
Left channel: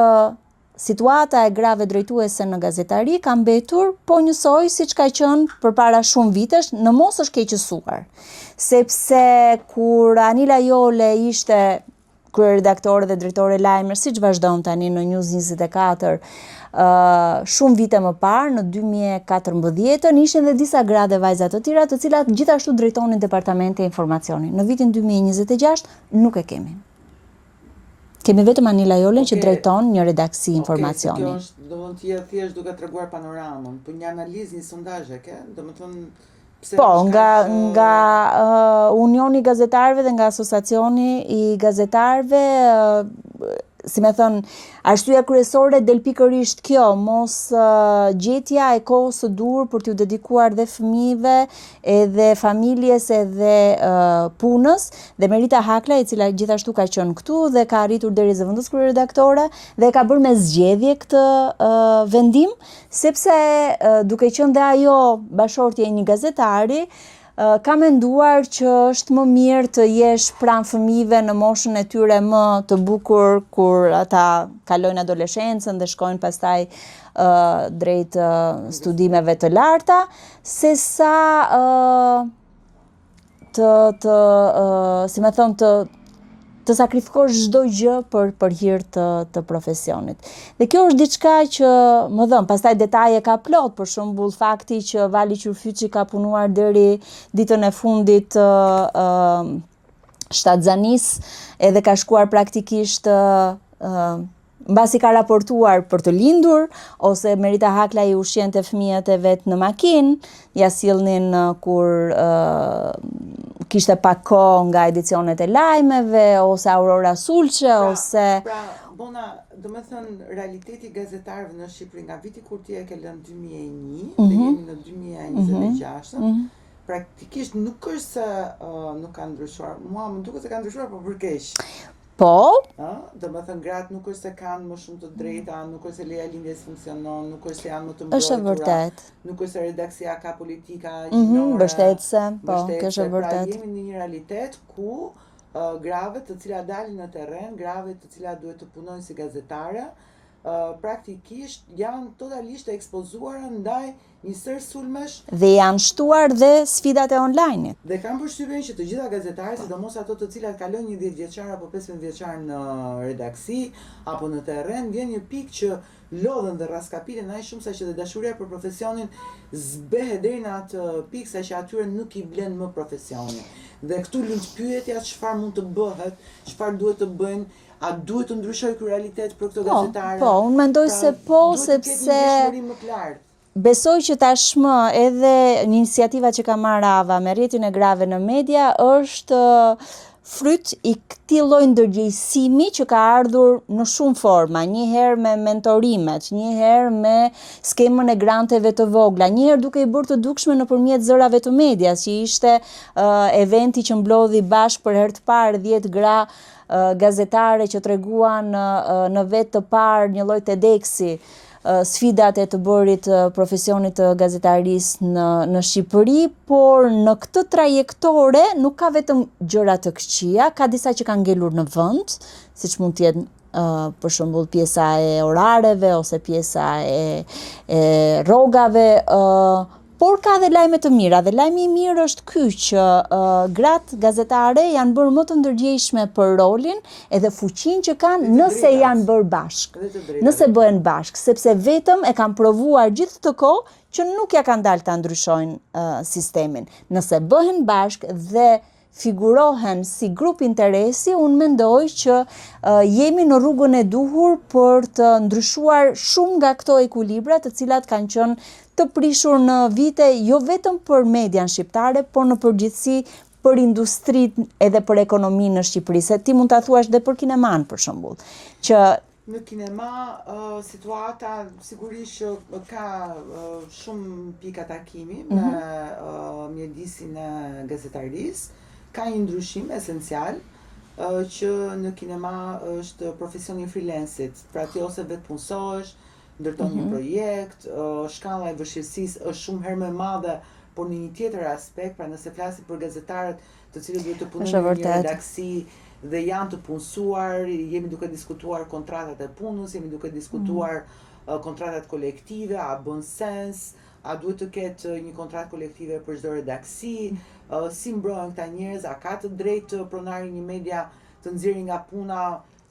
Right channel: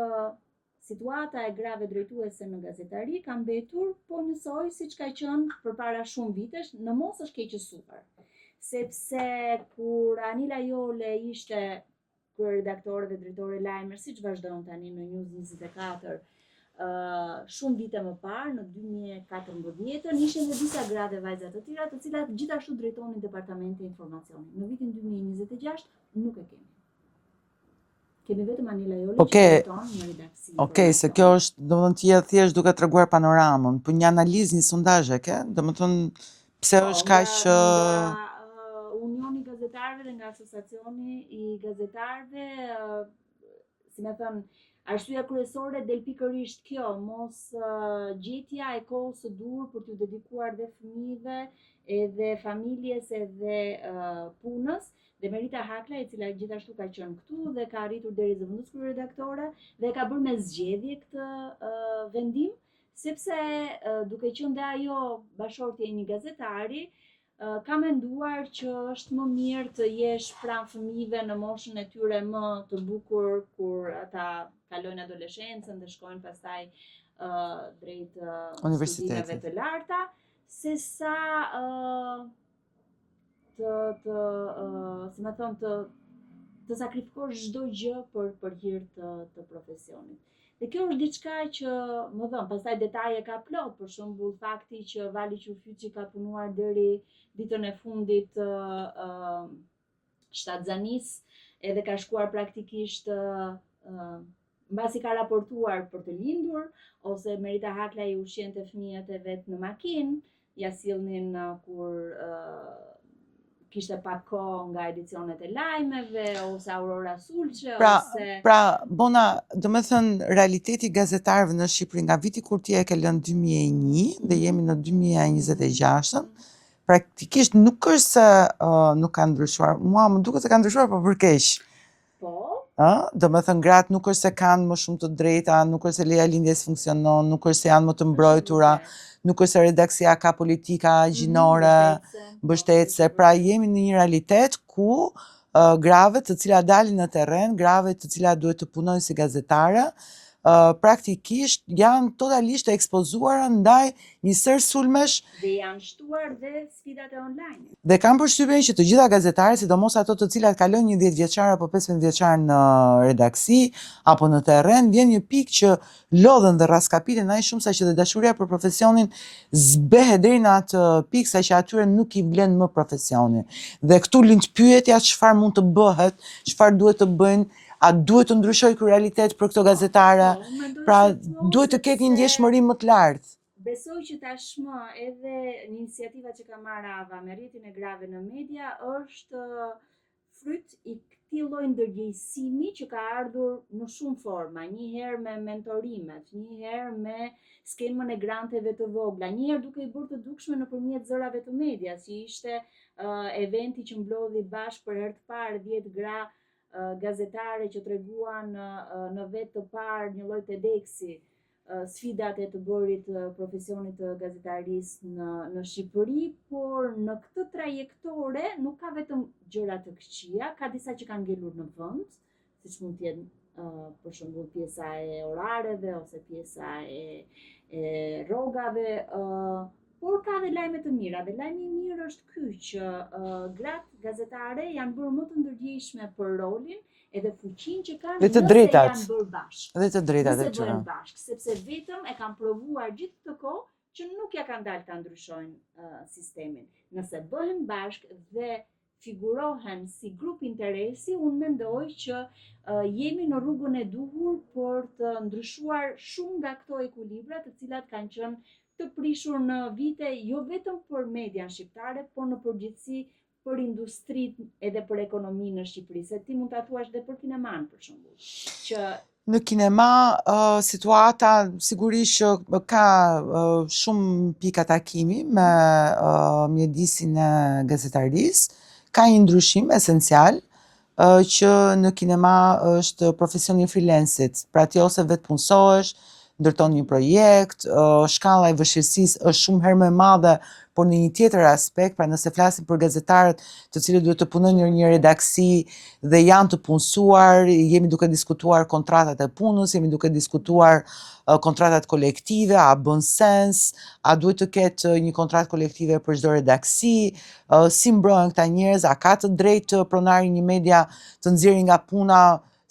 situata e grave drejtuese në gazetari ka mbetur po njësoj siç ka qenë përpara shumë vitesh, në mos është keqësuar. Sepse kur Anila Jole ishte kryeredaktore dhe drejtore lajmer, siç vazhdon tani në News 24, shumë vite më parë, në 2014, ishin dhe disa gra dhe vajza të tjera, të cilat gjithashtu drejtonin departamente e informacioni. Në vitin 2026 nuk e kemi. Kemi vetëm Anila Jole që drejton një redaksi informacioni. Se kjo është, domethënë ti thjesht duke treguar panoramën, po një analizë, një sondazh e ke? Domethënë pse është kaq nga Unioni i Gazetarëve dhe nga Asociacioni i Gazetarëve, si me thënë, arsyeja kryesore del pikërisht kjo, mos gjetja e kohës së dur për t'u dedikuar dhe fëmijëve, edhe familjes, edhe punës, dhe Merita Hakla, e cila gjithashtu ka qenë këtu dhe ka arritur deri zëvendës kryeredaktore dhe ka bërë me zgjedhje këtë vendim, sepse duke qenë dhe ajo bashortje e një gazetari, ka menduar që është më mirë të jesh pranë fëmijëve në moshën e tyre më të bukur kur ata kalojnë adoleshencën dhe shkojnë pastaj drejt studimeve të larta, sesa si më thon, të sakrifikosh çdo gjë për hir të profesionit. Dhe kjo është diçka që më dhëm, pastaj detaje ka plot, për shembull fakti që Vali Qurfyçi ka punuar deri ditën e fundit shtatzanis, edhe ka shkuar praktikisht mbasi ka raportuar për të lindur, ose Merita Hakla i ushqente fëmijët e vet në makinë, ja sillnin kur kishte pak kohë nga edicionet e lajmeve, ose Aurora Sulçe, ose... Pra, Bona, do me thënë, realiteti gazetarëve në Shqipëri nga viti kur ti e ke lënë 2001, dhe jemi në 2026, praktikisht nuk është se nuk ka ndryshuar. Mua më duket se ka ndryshuar, po për keq. Po? Do me thënë, gratë nuk është se kanë më shumë të drejta, nuk është se leja lindjes funksionon, nuk është se janë më të mbrojtura, nuk është se redaksia ka politika gjinore, mbështetëse. Pra jemi në një realitet ku grave të cilat dalin në terren, grave të cilat duhet të punojnë si gazetare, praktikisht janë totalisht e ekspozuara ndaj një sër sulmesh. Dhe janë shtuar dhe sfidat e online-it. Dhe kam përshtypjen që të gjitha gazetarët, sidomos ato të cilat kalojnë një 10 vjeçar apo 15 vjeçar në redaksi apo në terren, vjen një pikë që lodhen dhe raskapiten aq shumë sa që dhe dashuria për profesionin zbehet deri në atë pikë sa që atyre nuk i vlen më profesioni. Dhe këtu lind pyetja çfarë mund të bëhet, çfarë duhet të bëjnë. A duhet të ndryshoj ky realitet për këto gazetare? Po, unë mendoj se po, duhet të ketë një ndjeshmëri më të lartë. Besoj që tashmë edhe iniciativa që ka marrë Ava me rrjetin e grave në media është fryt i këtij lloji ndërgjegjësimi që ka ardhur në shumë forma, një herë me mentorimet, një herë me skemën e granteve të vogla, një herë duke i bërë të dukshme nëpërmjet zërave të medias, që ishte eventi që mblodhi bashkë për herë të parë 10 gra gazetare që treguan në vetë të parë një lloj TEDx-i, sfidat e të bërit profesionit të gazetarisë në Shqipëri, por në këtë trajektore nuk ka vetëm gjëra të këqija, ka disa që kanë ngelur në vend, siç mund të jetë për shembull pjesa e orareve ose pjesa e rrogave, por ka dhe lajme të mira, dhe lajmi i mirë është ky që gratë gazetare janë bërë më të ndërgjegjshme për rolin edhe fuqinë që kanë nëse janë bërë bashkë. Nëse bëhen bashkë, sepse vetëm e kanë provuar gjithë këtë kohë që nuk ja kanë dalë ta ndryshojnë sistemin. Nëse bëhen bashkë dhe figurohen si grup interesi, unë mendoj që jemi në rrugën e duhur për të ndryshuar shumë nga këto ekuilibra të cilat kanë qenë të prishur në vite jo vetëm për median shqiptare, por në përgjithësi për industrinë edhe për ekonominë në Shqipëri. Se ti mund ta thuash dhe për kineman për shembull, që në kinema situata sigurisht që ka shumë pika takimi me mjedisin e gazetarisë, ka një ndryshim esencial që në kinema është profesioni i freelancit. Pra ti ose vetë punësohesh, ndërton një projekt, shkalla e vështirësisë është shumë herë më e madhe, por në një tjetër aspekt, pra nëse flasim për gazetarët të cilët duhet të punojnë në një redaksi dhe janë të punësuar, jemi duke diskutuar kontratat e punës, jemi duke diskutuar kontratat kolektive, a bën sens, a duhet të ketë një kontratë kolektive për çdo redaksi, si mbrohen këta njerëz, a ka të drejtë pronari një media të nxjerrë nga puna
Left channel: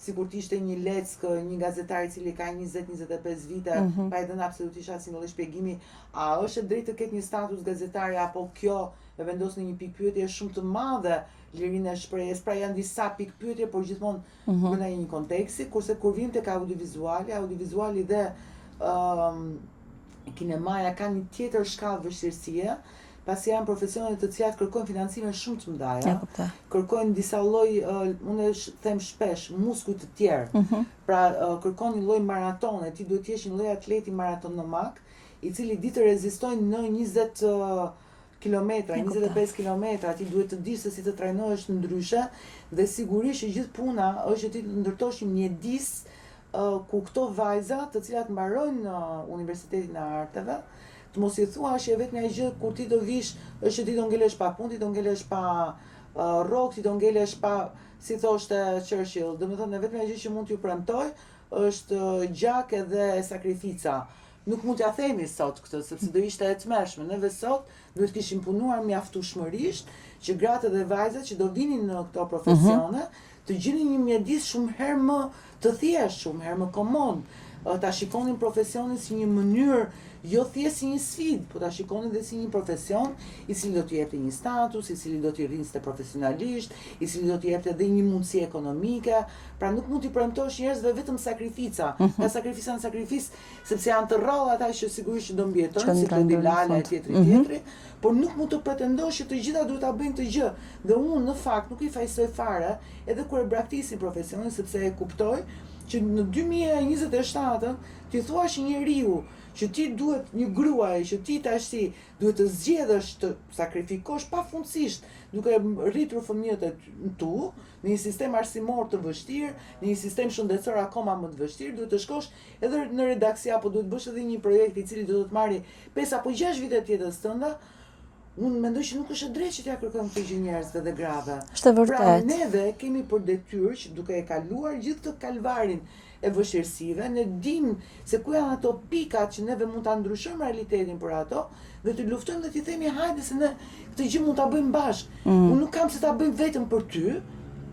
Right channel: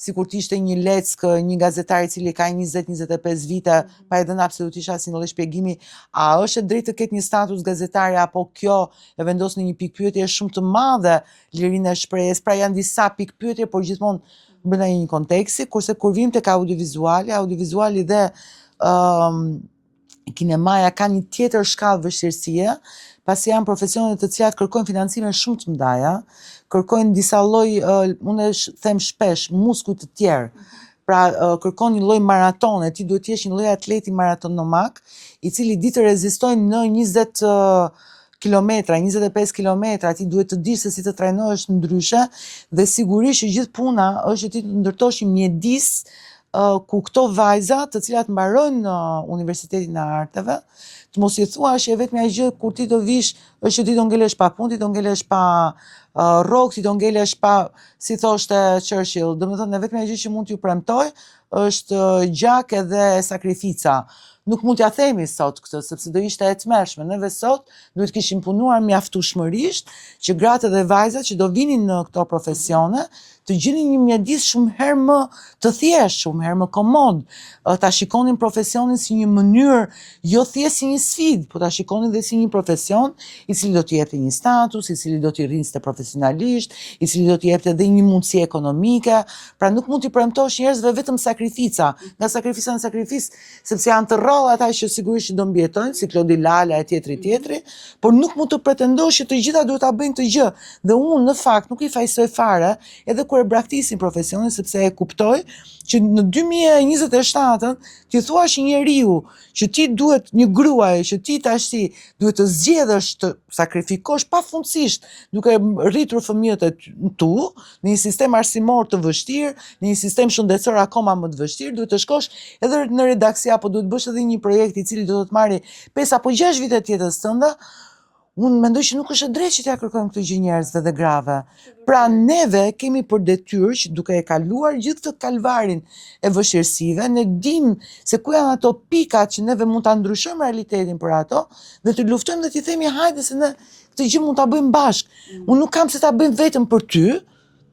sikur të ishte një leckë, një gazetar i cili ka 20-25 vite, pa e dhënë absolutisht asnjë lloj shpjegimi, a është e drejtë të ketë një status gazetare apo kjo e vendos në një pikë pyetje shumë të madhe lirinë e shprehjes. Pra janë disa pikë pyetje, por gjithmonë brenda një konteksti, kurse kur vim tek audivizuali dhe kinemaja kanë një tjetër shkallë vështirësie, pasi janë profesione të cilat kërkojnë financime shumë të mëdha, kërkojnë disa lloj, unë them shpesh, muskuj të tjerë. Pra kërkon një lloj maratone, ti duhet të jesh një lloj atleti maratonomak, i cili di të rezistojnë në 20 kilometra, 25 kilometra, ti duhet të dish se si të trajnohesh ndryshe, dhe sigurisht që gjithë puna është që ti të ndërtosh një mjedis ku këto vajza të cilat mbarojnë në Universitetin e Arteve, të mos i thuash që vetëm ajo gjë kur ti do vish është që ti do ngelesh pa punë, ti do ngelesh pa rrogë, ti do ngelesh pa, si thoshte Churchill, domethënë vetëm ajo gjë që mund t'ju premtoj është gjak edhe sakrifica. nuk mund t'ja themi sot këtë, sepse do ishte e tmerrshme. Neve sot duhet kishim punuar mjaftueshmërisht që gratë dhe vajzat që do vinin në këto profesione të gjinin një mjedis shumë herë më të thjeshtë, shumë herë më komod. Ta shikonin profesionin si një mënyrë, jo thjesht si një sfidë, po ta shikonin dhe si një profesion i cili do t'i jepte një status, i cili do t'i rrinte profesionalisht, i cili do t'i jepte edhe një mundësi ekonomike. Pra nuk mund t'i premtosh njerëzve vetëm sakrifica, nga sakrifica në sakrificë, sepse janë të rrallë ata që sigurisht do mbijetojnë, si Klodi Lala e tjetri, por nuk mund të pretendosh që të gjitha duhet ta bëjnë të gjë. Dhe unë në fakt nuk i fajsoj fare edhe kur e braktisin profesionin, sepse e kuptoj që në 2027 ti thuash një njeriu që ti duhet, një gruaj që ti tash duhet të zgjedhësh të sakrifikosh pafundësisht duke rritur fëmijët e tu në një sistem arsimor të vështirë, në një sistem shëndetësor akoma më të vështirë, duhet të shkosh edhe në redaksi apo duhet bësh edhe një projekt i cili do të marrë 5 apo 6 vite të jetës tënde. Unë mendoj që nuk është e drejtë që t'ja kërkojmë këtë gjë njerëzve dhe grave. Pra neve kemi për detyrë që duke e kaluar gjithë këtë kalvarin e vështirësive, ne dim se ku janë ato pikat që neve mund ta ndryshojmë realitetin për ato dhe të luftojmë dhe t'i themi hajde se ne këtë gjë mund ta bëjmë bashkë. Unë nuk kam se ta bëjmë vetëm për ty.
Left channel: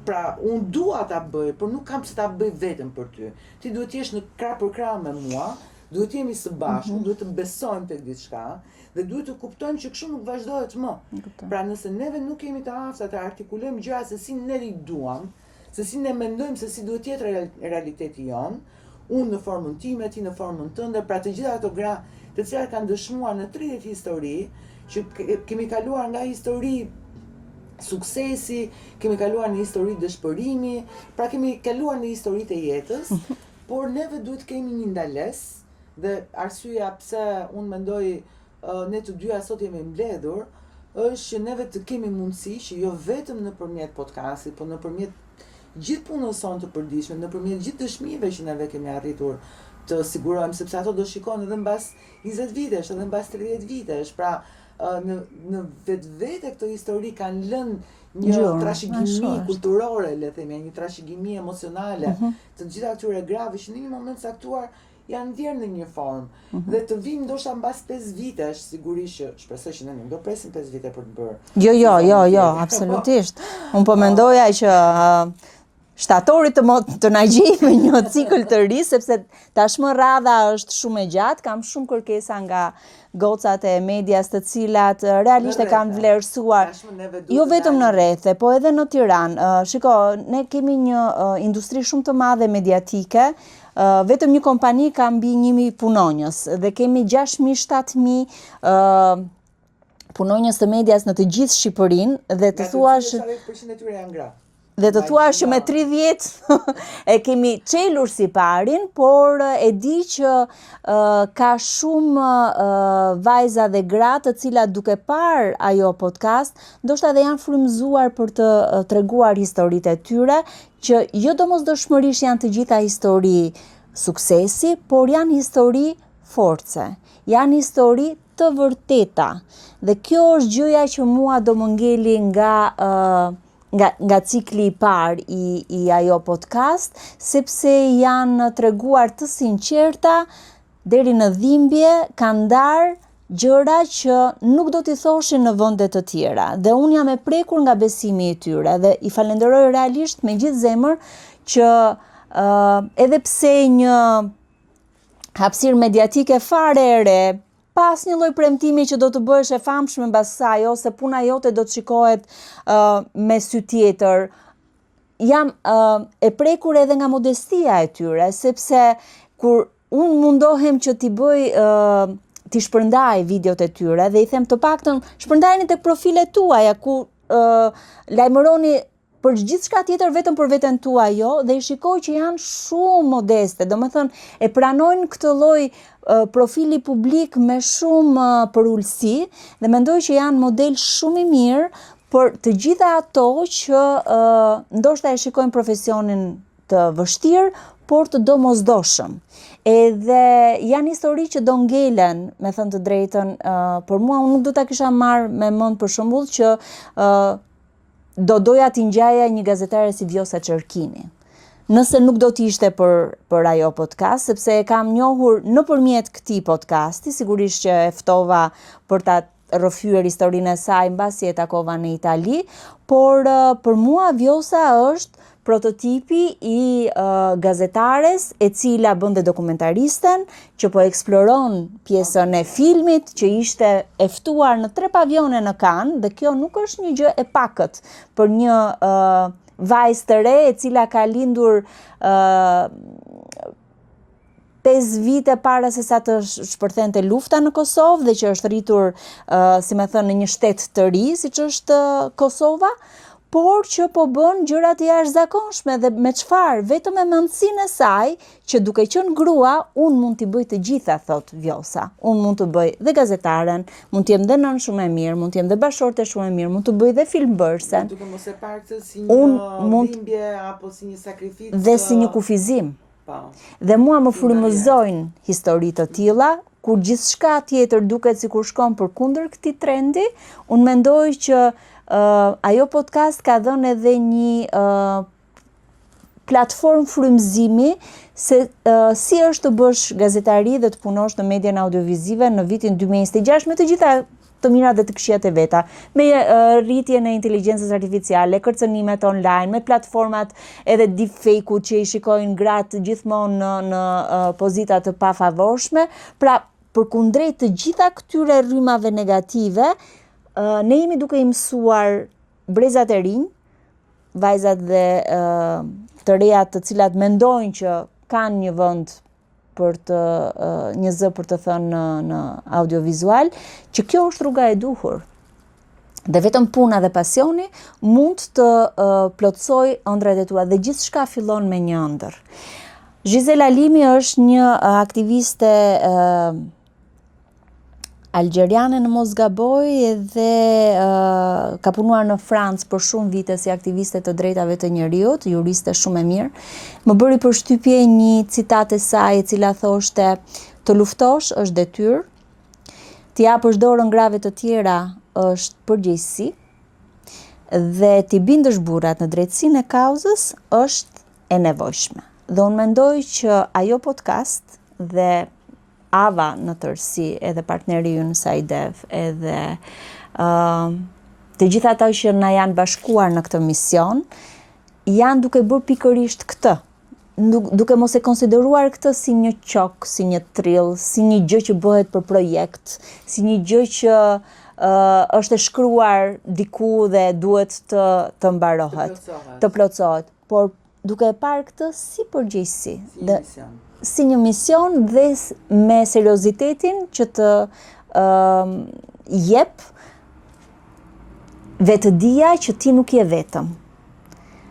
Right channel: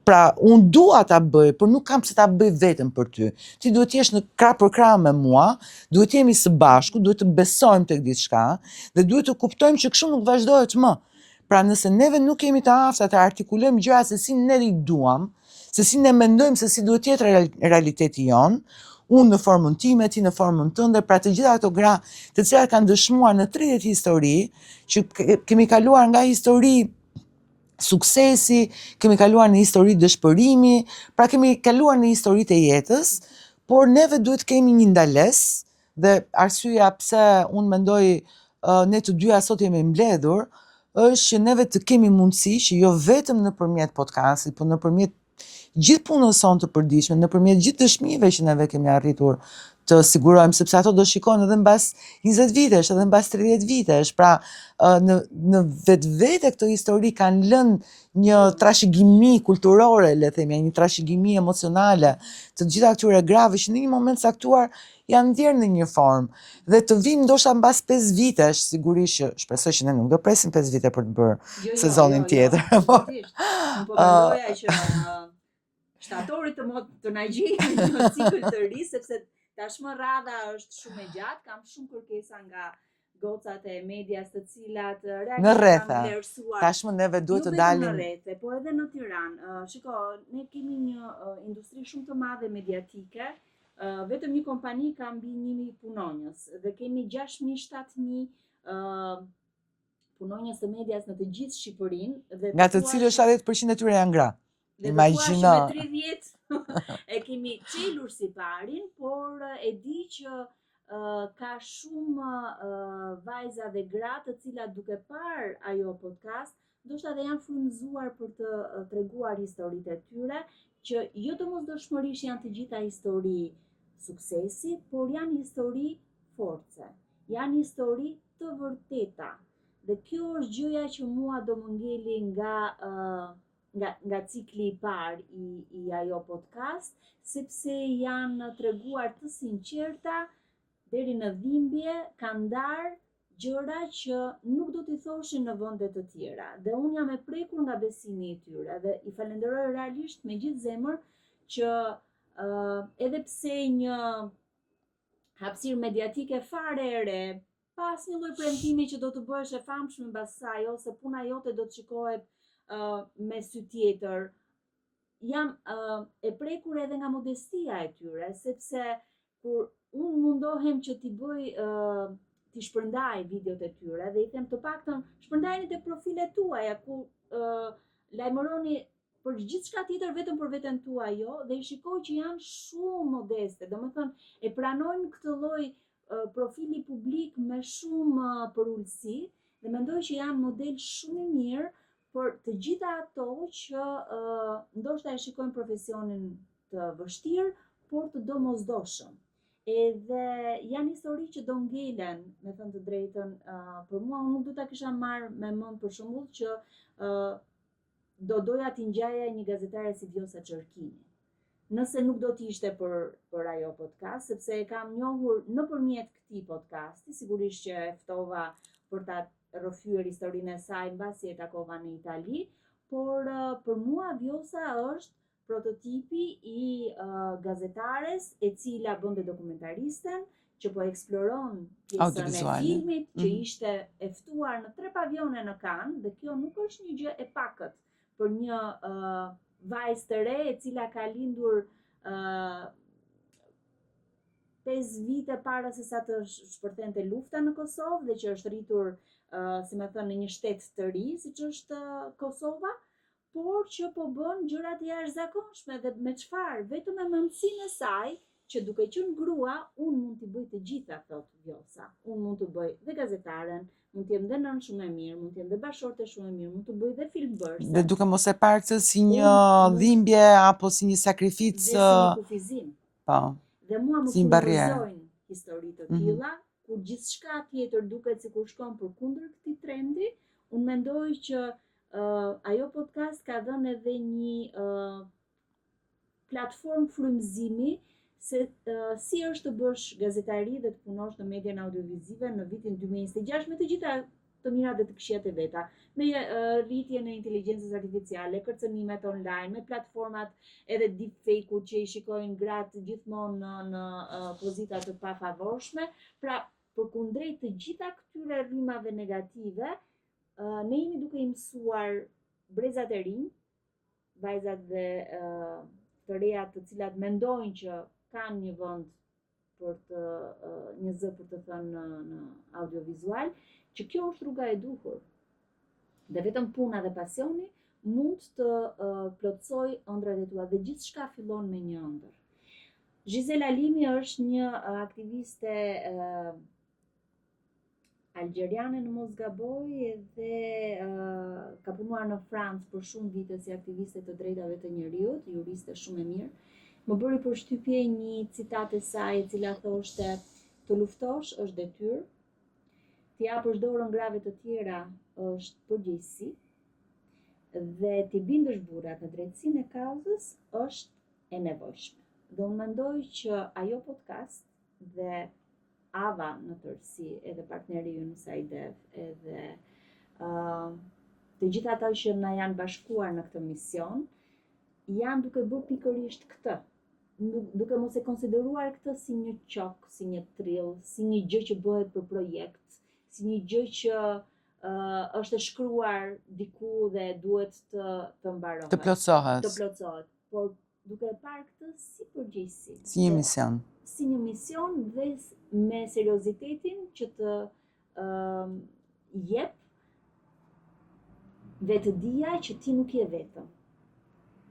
Pra, unë dua ta bëj, por nuk kam se ta bëj vetëm për ty. Ti duhet t'jesh në krah për krah me mua, duhet jemi së bashku, duhet të besojmë tek diçka dhe duhet të kuptojmë që kështu nuk vazhdohet më. Pra, nëse neve nuk jemi të afta të artikulojmë gjëra se si ne i duam, se si ne mendojmë se si duhet të jetë realiteti jon, unë në formën time, ti në formën tënde, pra të gjitha ato gra të cilat kanë dëshmuar në 30 histori, që kemi kaluar nga histori suksesi, kemi kaluar në histori dëshpërimi, pra kemi kaluar në historitë e jetës, por neve duhet kemi një ndalesë dhe arsyeja pse unë mendoj ne të dyja sot jemi mbledhur, është që neve të kemi mundësi që jo vetëm nëpërmjet podcastit, por nëpërmjet gjithë punës sonë të përditshme, nëpërmjet gjithë dëshmive që neve kemi arritur të sigurojmë, sepse ato do shikojnë edhe mbas 20 vitesh, edhe mbas 30 vitesh. Pra, në vetvete këtë histori kanë lënë një trashëgimi kulturore, le themi, një trashëgimi emocionale të gjitha këtyre grave që në një moment caktuar janë ndjerë në një formë. Dhe të vinë ndoshta mbas 5 vitesh, sigurisht që shpresoj që ne nuk do presim 5 vite për të bërë sezonin tjetër. Jo, absolutisht. Unë po mendoja që shtatorit të na gjejmë një cikël të ri, sepse tashmë radha është shumë e gjatë, kam shumë kërkesa nga gocat e medias të cilat realisht e kanë vlerësuar jo vetëm në rrethe, po edhe në Tiranë. Shiko, ne kemi një industri shumë të madhe mediatike, vetëm një kompani ka mbi 1000 punonjës dhe kemi 6000-7000 punonjës të medias në të gjithë Shqipërinë dhe të thua që 70% e tyre janë gra. Dhe të thua që me 30 e kemi çelur si parin, por e di që ka shumë vajza dhe gra të cilat duke parë ajo podcast, ndoshta dhe janë frymëzuar për të treguar historitë e tyre, që jo domosdoshmërisht janë të gjitha histori suksesi, por janë histori force, janë histori të vërteta. Dhe kjo është gjëja që mua do më ngeli nga cikli i parë i ajo podcast, sepse janë treguar të sinqerta, deri në dhimbje, kanë ndarë gjëra që nuk do t'i thoshin në vende të tjera. Dhe unë jam e prekur nga besimi i tyre dhe i falenderoj realisht me gjithë zemër që edhe pse një hapësirë mediatike fare e re, pas një lloj premtimi që do të bëhesh e famshme mbas saj, ose puna jote do të shikohet me sy tjetër. Jam e prekur edhe nga modestia e tyre, sepse kur unë mundohem që t'i shpërndaj videot e tyre dhe i them të paktën shpërndajeni tek profilet tuaja ku lajmëroni për gjithçka tjetër vetëm për veten tuaj jo, dhe i shikoj që janë shumë modeste, domethënë e pranojnë këtë lloj profili publik me shumë përulësi dhe mendoj që janë model shumë i mirë për të gjitha ato që ndoshta e shikojnë profesionin të vështirë, por të domosdoshëm. Edhe janë histori që do ngelen, me thënë të drejtën, për mua unë nuk do ta kisha marrë me mend për shembull që do doja t'i ngjaja një gazetare si Vjosa Çerkini. Nëse nuk do t'ishte për ajo podcast, sepse e kam njohur nëpërmjet këtij podcasti, sigurisht që e ftova për ta rrëfyer historinë e saj mbasi e takova në Itali, por për mua Vjosa është prototipi i gazetares e cila bën dhe dokumentaristen, që po eksploron pjesën e filmit, që ishte e ftuar në 3 pavione në Cannes, dhe kjo nuk është një gjë e pakët për një vajzë të re e cila ka lindur 5 vite para se sa të shpërthente lufta në Kosovë dhe që është rritur, si më thënë, në një shtet të ri, siç është Kosova, por që po bën gjëra të jashtëzakonshme dhe me çfarë? Vetëm me mendsinë e saj që duke qenë grua, unë mund t'i bëj të gjitha, thot Vjosa. Unë mund të bëj dhe gazetaren, mund të jem dhe nën shumë e mirë, mund të jem dhe bashorte shumë e mirë, mund të bëj dhe filmbërse. Duke mos e parë këtë si një dhimbje apo si një sakrificë dhe si një kufizim. Po. Dhe mua më frymëzojnë histori të tilla, kur gjithçka tjetër duket sikur shkon përkundër këtij trendi, unë mendoj që ajo podcast ka dhënë edhe një platformë frymëzimi se si është të bësh gazetari dhe të punosh në median audiovizive në vitin 2026 me të gjitha të mirat dhe të këqijat e veta, me rritjen e inteligjencës artificiale, kërcënimet online, me platformat edhe deepfake-u që i shikojnë gratë gjithmonë në pozita të pafavorshme. Pra, përkundrejt të gjitha këtyre rrymave negative, ne jemi duke i mësuar brezat e rinj, vajzat dhe të reja të cilat mendojnë që kanë një vend për të një zë për të thënë në audiovizual, që kjo është rruga e duhur. Dhe vetëm puna dhe pasioni mund të plotësoj ëndrat e tua dhe gjithçka fillon me një ëndër. Gisela Limi është një aktiviste algjeriane në mos gaboj dhe ka punuar në Francë për shumë vite si aktiviste të drejtave të njerëzit, juriste shumë e mirë. Më bëri përshtypje një citat e saj e cila thoshte: "Të luftosh është detyrë, t'i japësh dorën grave të tjera është përgjegjësi dhe t'i bindësh burrat në drejtsinë e kauzës është e nevojshme." Dhe unë mendoj që ajo podcast dhe Ava në tërësi, edhe partneri ju në Sajdev, edhe të gjitha ata që na janë bashkuar në këtë mision, janë duke bërë pikërisht këtë, duke mos e konsideruar këtë si një qok, si një trill, si një gjë që bëhet për projekt, si një gjë që është e shkruar diku dhe duhet të mbarohet, të plotësohet, por duke e parë këtë si përgjegjësi. Si një mision. Si një mision dhe me seriozitetin që të jep vetëdia që ti nuk je vetëm.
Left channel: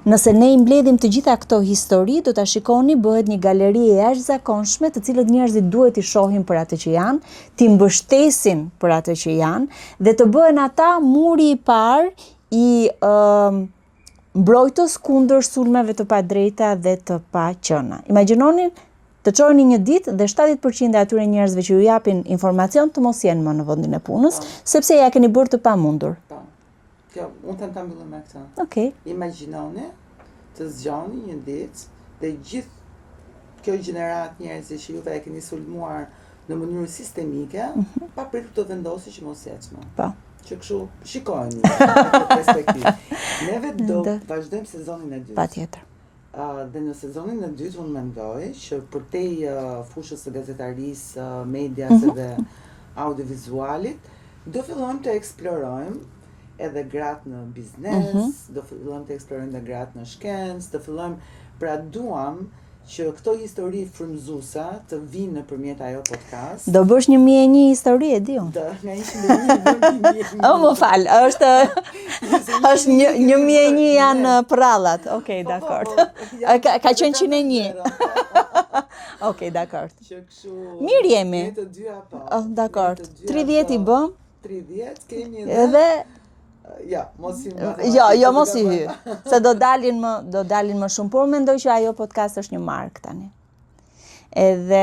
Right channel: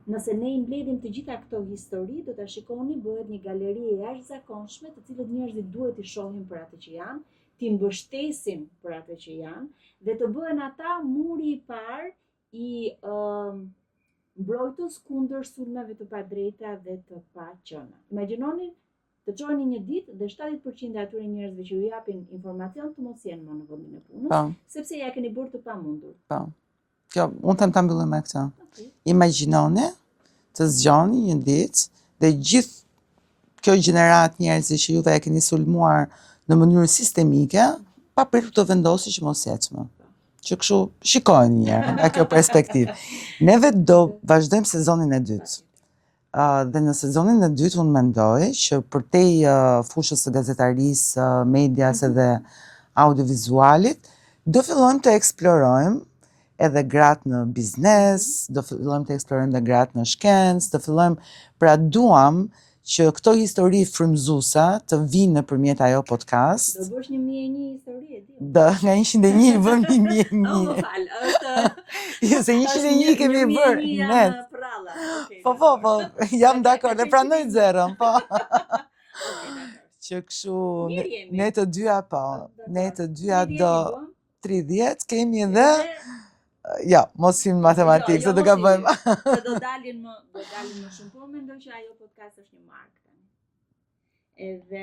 Nëse ne i mbledhim të gjitha këto histori, do ta shikoni bëhet një galeri e jashtëzakonshme, të cilët njerëzit duhet i shohin për atë që janë, t'i mbështesin për atë që janë dhe të bëhen ata muri i parë i mbrojtës kundër sulmeve të padrejta dhe të paqëna. Imagjinoni të çojeni një ditë dhe 70% e atyre njerëzve që ju japin informacion të mos jenë më në vendin e punës, sepse ja keni bërë të pamundur. Po. Kjo, unë them ta mbyllim me këtë. Okej. Imagjinoni të zgjoni një ditë dhe gjithë kjo gjenerat njerëzish që juve e keni sulmuar në mënyrë sistemike, pa pritur të vendosë që mos jetë. Po. Që kështu shikojnë nga kjo perspektivë. Neve do vazhdojmë sezonin e dytë. Patjetër. Dhe në sezonin e dytë unë mendoj që përtej fushës së gazetarisë, medias edhe audiovizualit, do fillojmë të eksplorojmë edhe gratë në biznes, do fillojmë të eksplorojmë edhe gratë në shkencë, do fillojmë, pra duam që këto histori frymëzuese të vinë nëpërmjet ajo podcast. Do bësh 1001 histori, e di unë. Do, nga 101 vën 1001. Më fal, është 1001 janë prallat. Okej, dakor. Ka qenë 101. Okej, dakor. Që kështu. Mirë jemi. Ne të dyja po. Dakor. 30 i bëm. 30 kemi edhe ja, mos i matematikë. Jo, mos i se do dalin më shumë, por mendoj që ajo podcast është një mark tani. Edhe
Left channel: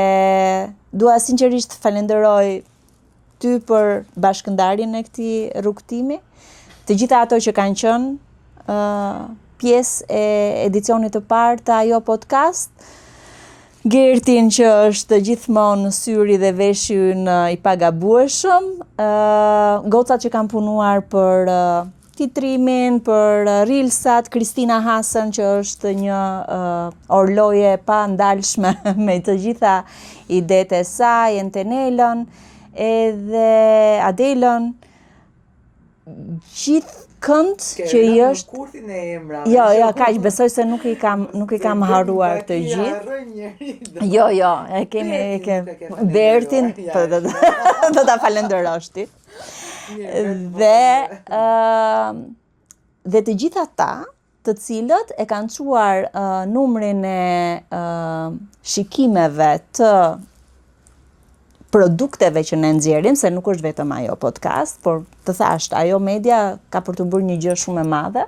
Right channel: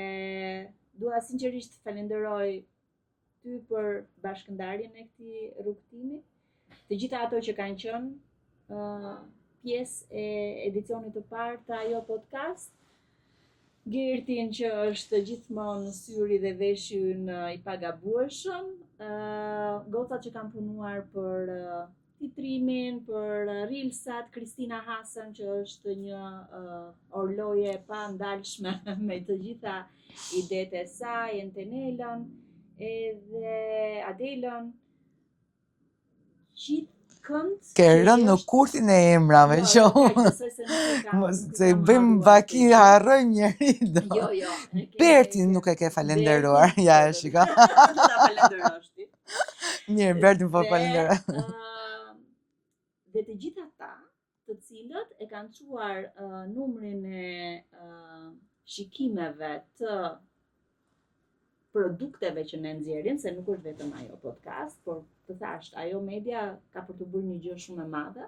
dua sinqerisht falenderoj ty për bashkëndarjen e këtij rrugtimi, të gjitha ato që kanë qenë pjesë e edicionit të parë të ajo podcast. Gertin që është gjithmonë në syri dhe veshi në i pagabueshëm, gocat që kanë punuar për titrimin, për Reelsat, Kristina Hasan që është një orloje pa ndalshme me të gjitha idetë e saj, Entenelën, edhe Adelën, gjithë kënd që në është kurthin e emrave. Jo, kaq besoj se nuk i kam haruar të gjithë. Harroj njëri. Jo, e kemi Bertin nuk e ke falenderuar. Bertin, do ta falenderosh ti. Mirë, Bertin po falenderoj. Dhe të gjitha ata, të cilët e kanë çuar numrin e shikimeve të produkteve që ne nxjerrim, se nuk është vetëm ajo podcast, por të thashë, ajo media ka për të bërë një gjë shumë e madhe.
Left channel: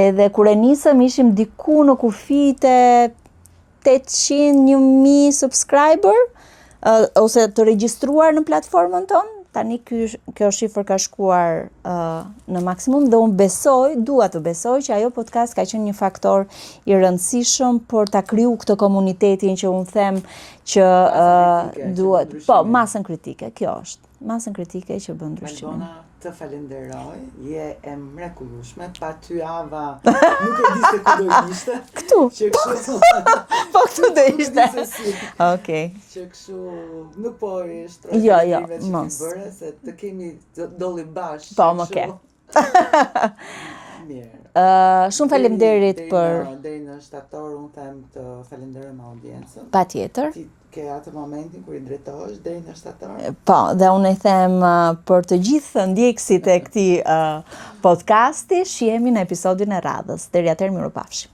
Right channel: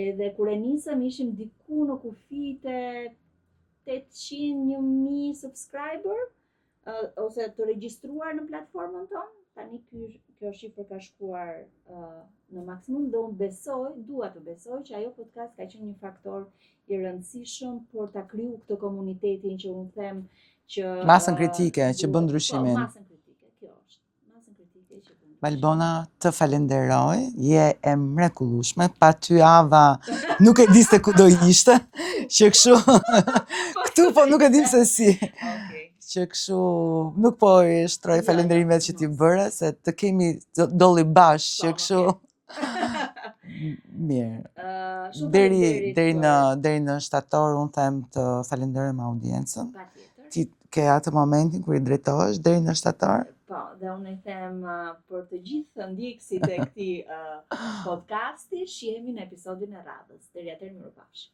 Edhe kur e nisëm ishim diku në kufite 800.000 subscriber, ose të regjistruar në platformën tonë. Tani kjo shifër ka shkuar në maksimum dhe unë dua të besoj që ajo podcast ka qenë një faktor i rëndësishëm për ta kriju këtë komunitetin që unë them që masën kritike që bën ndryshimin. Po, masën kritike, kjo është. Masën kritike që bën ndryshimin. Valdona, të falenderoj, je e mrekullueshme, pa ty Ava nuk e di se ku do ishte. Këtu. Që kështu. Po këtu do nuk e di se si. Okej. Që kështu nuk po i shtroj falenderimet që ti bëre, se të kemi dolli bash, që kështu. Mirë. Shumë faleminderit për deri në shtator unë them të falenderojmë audiencën. Patjetër. Ti ke atë momentin kur i drejtohesh deri në shtator? Po, dhe unë i them për të gjithë ndjekësit e këtij podcasti, shihemi në episodin e radhës. Deri atëherë mirupafshim.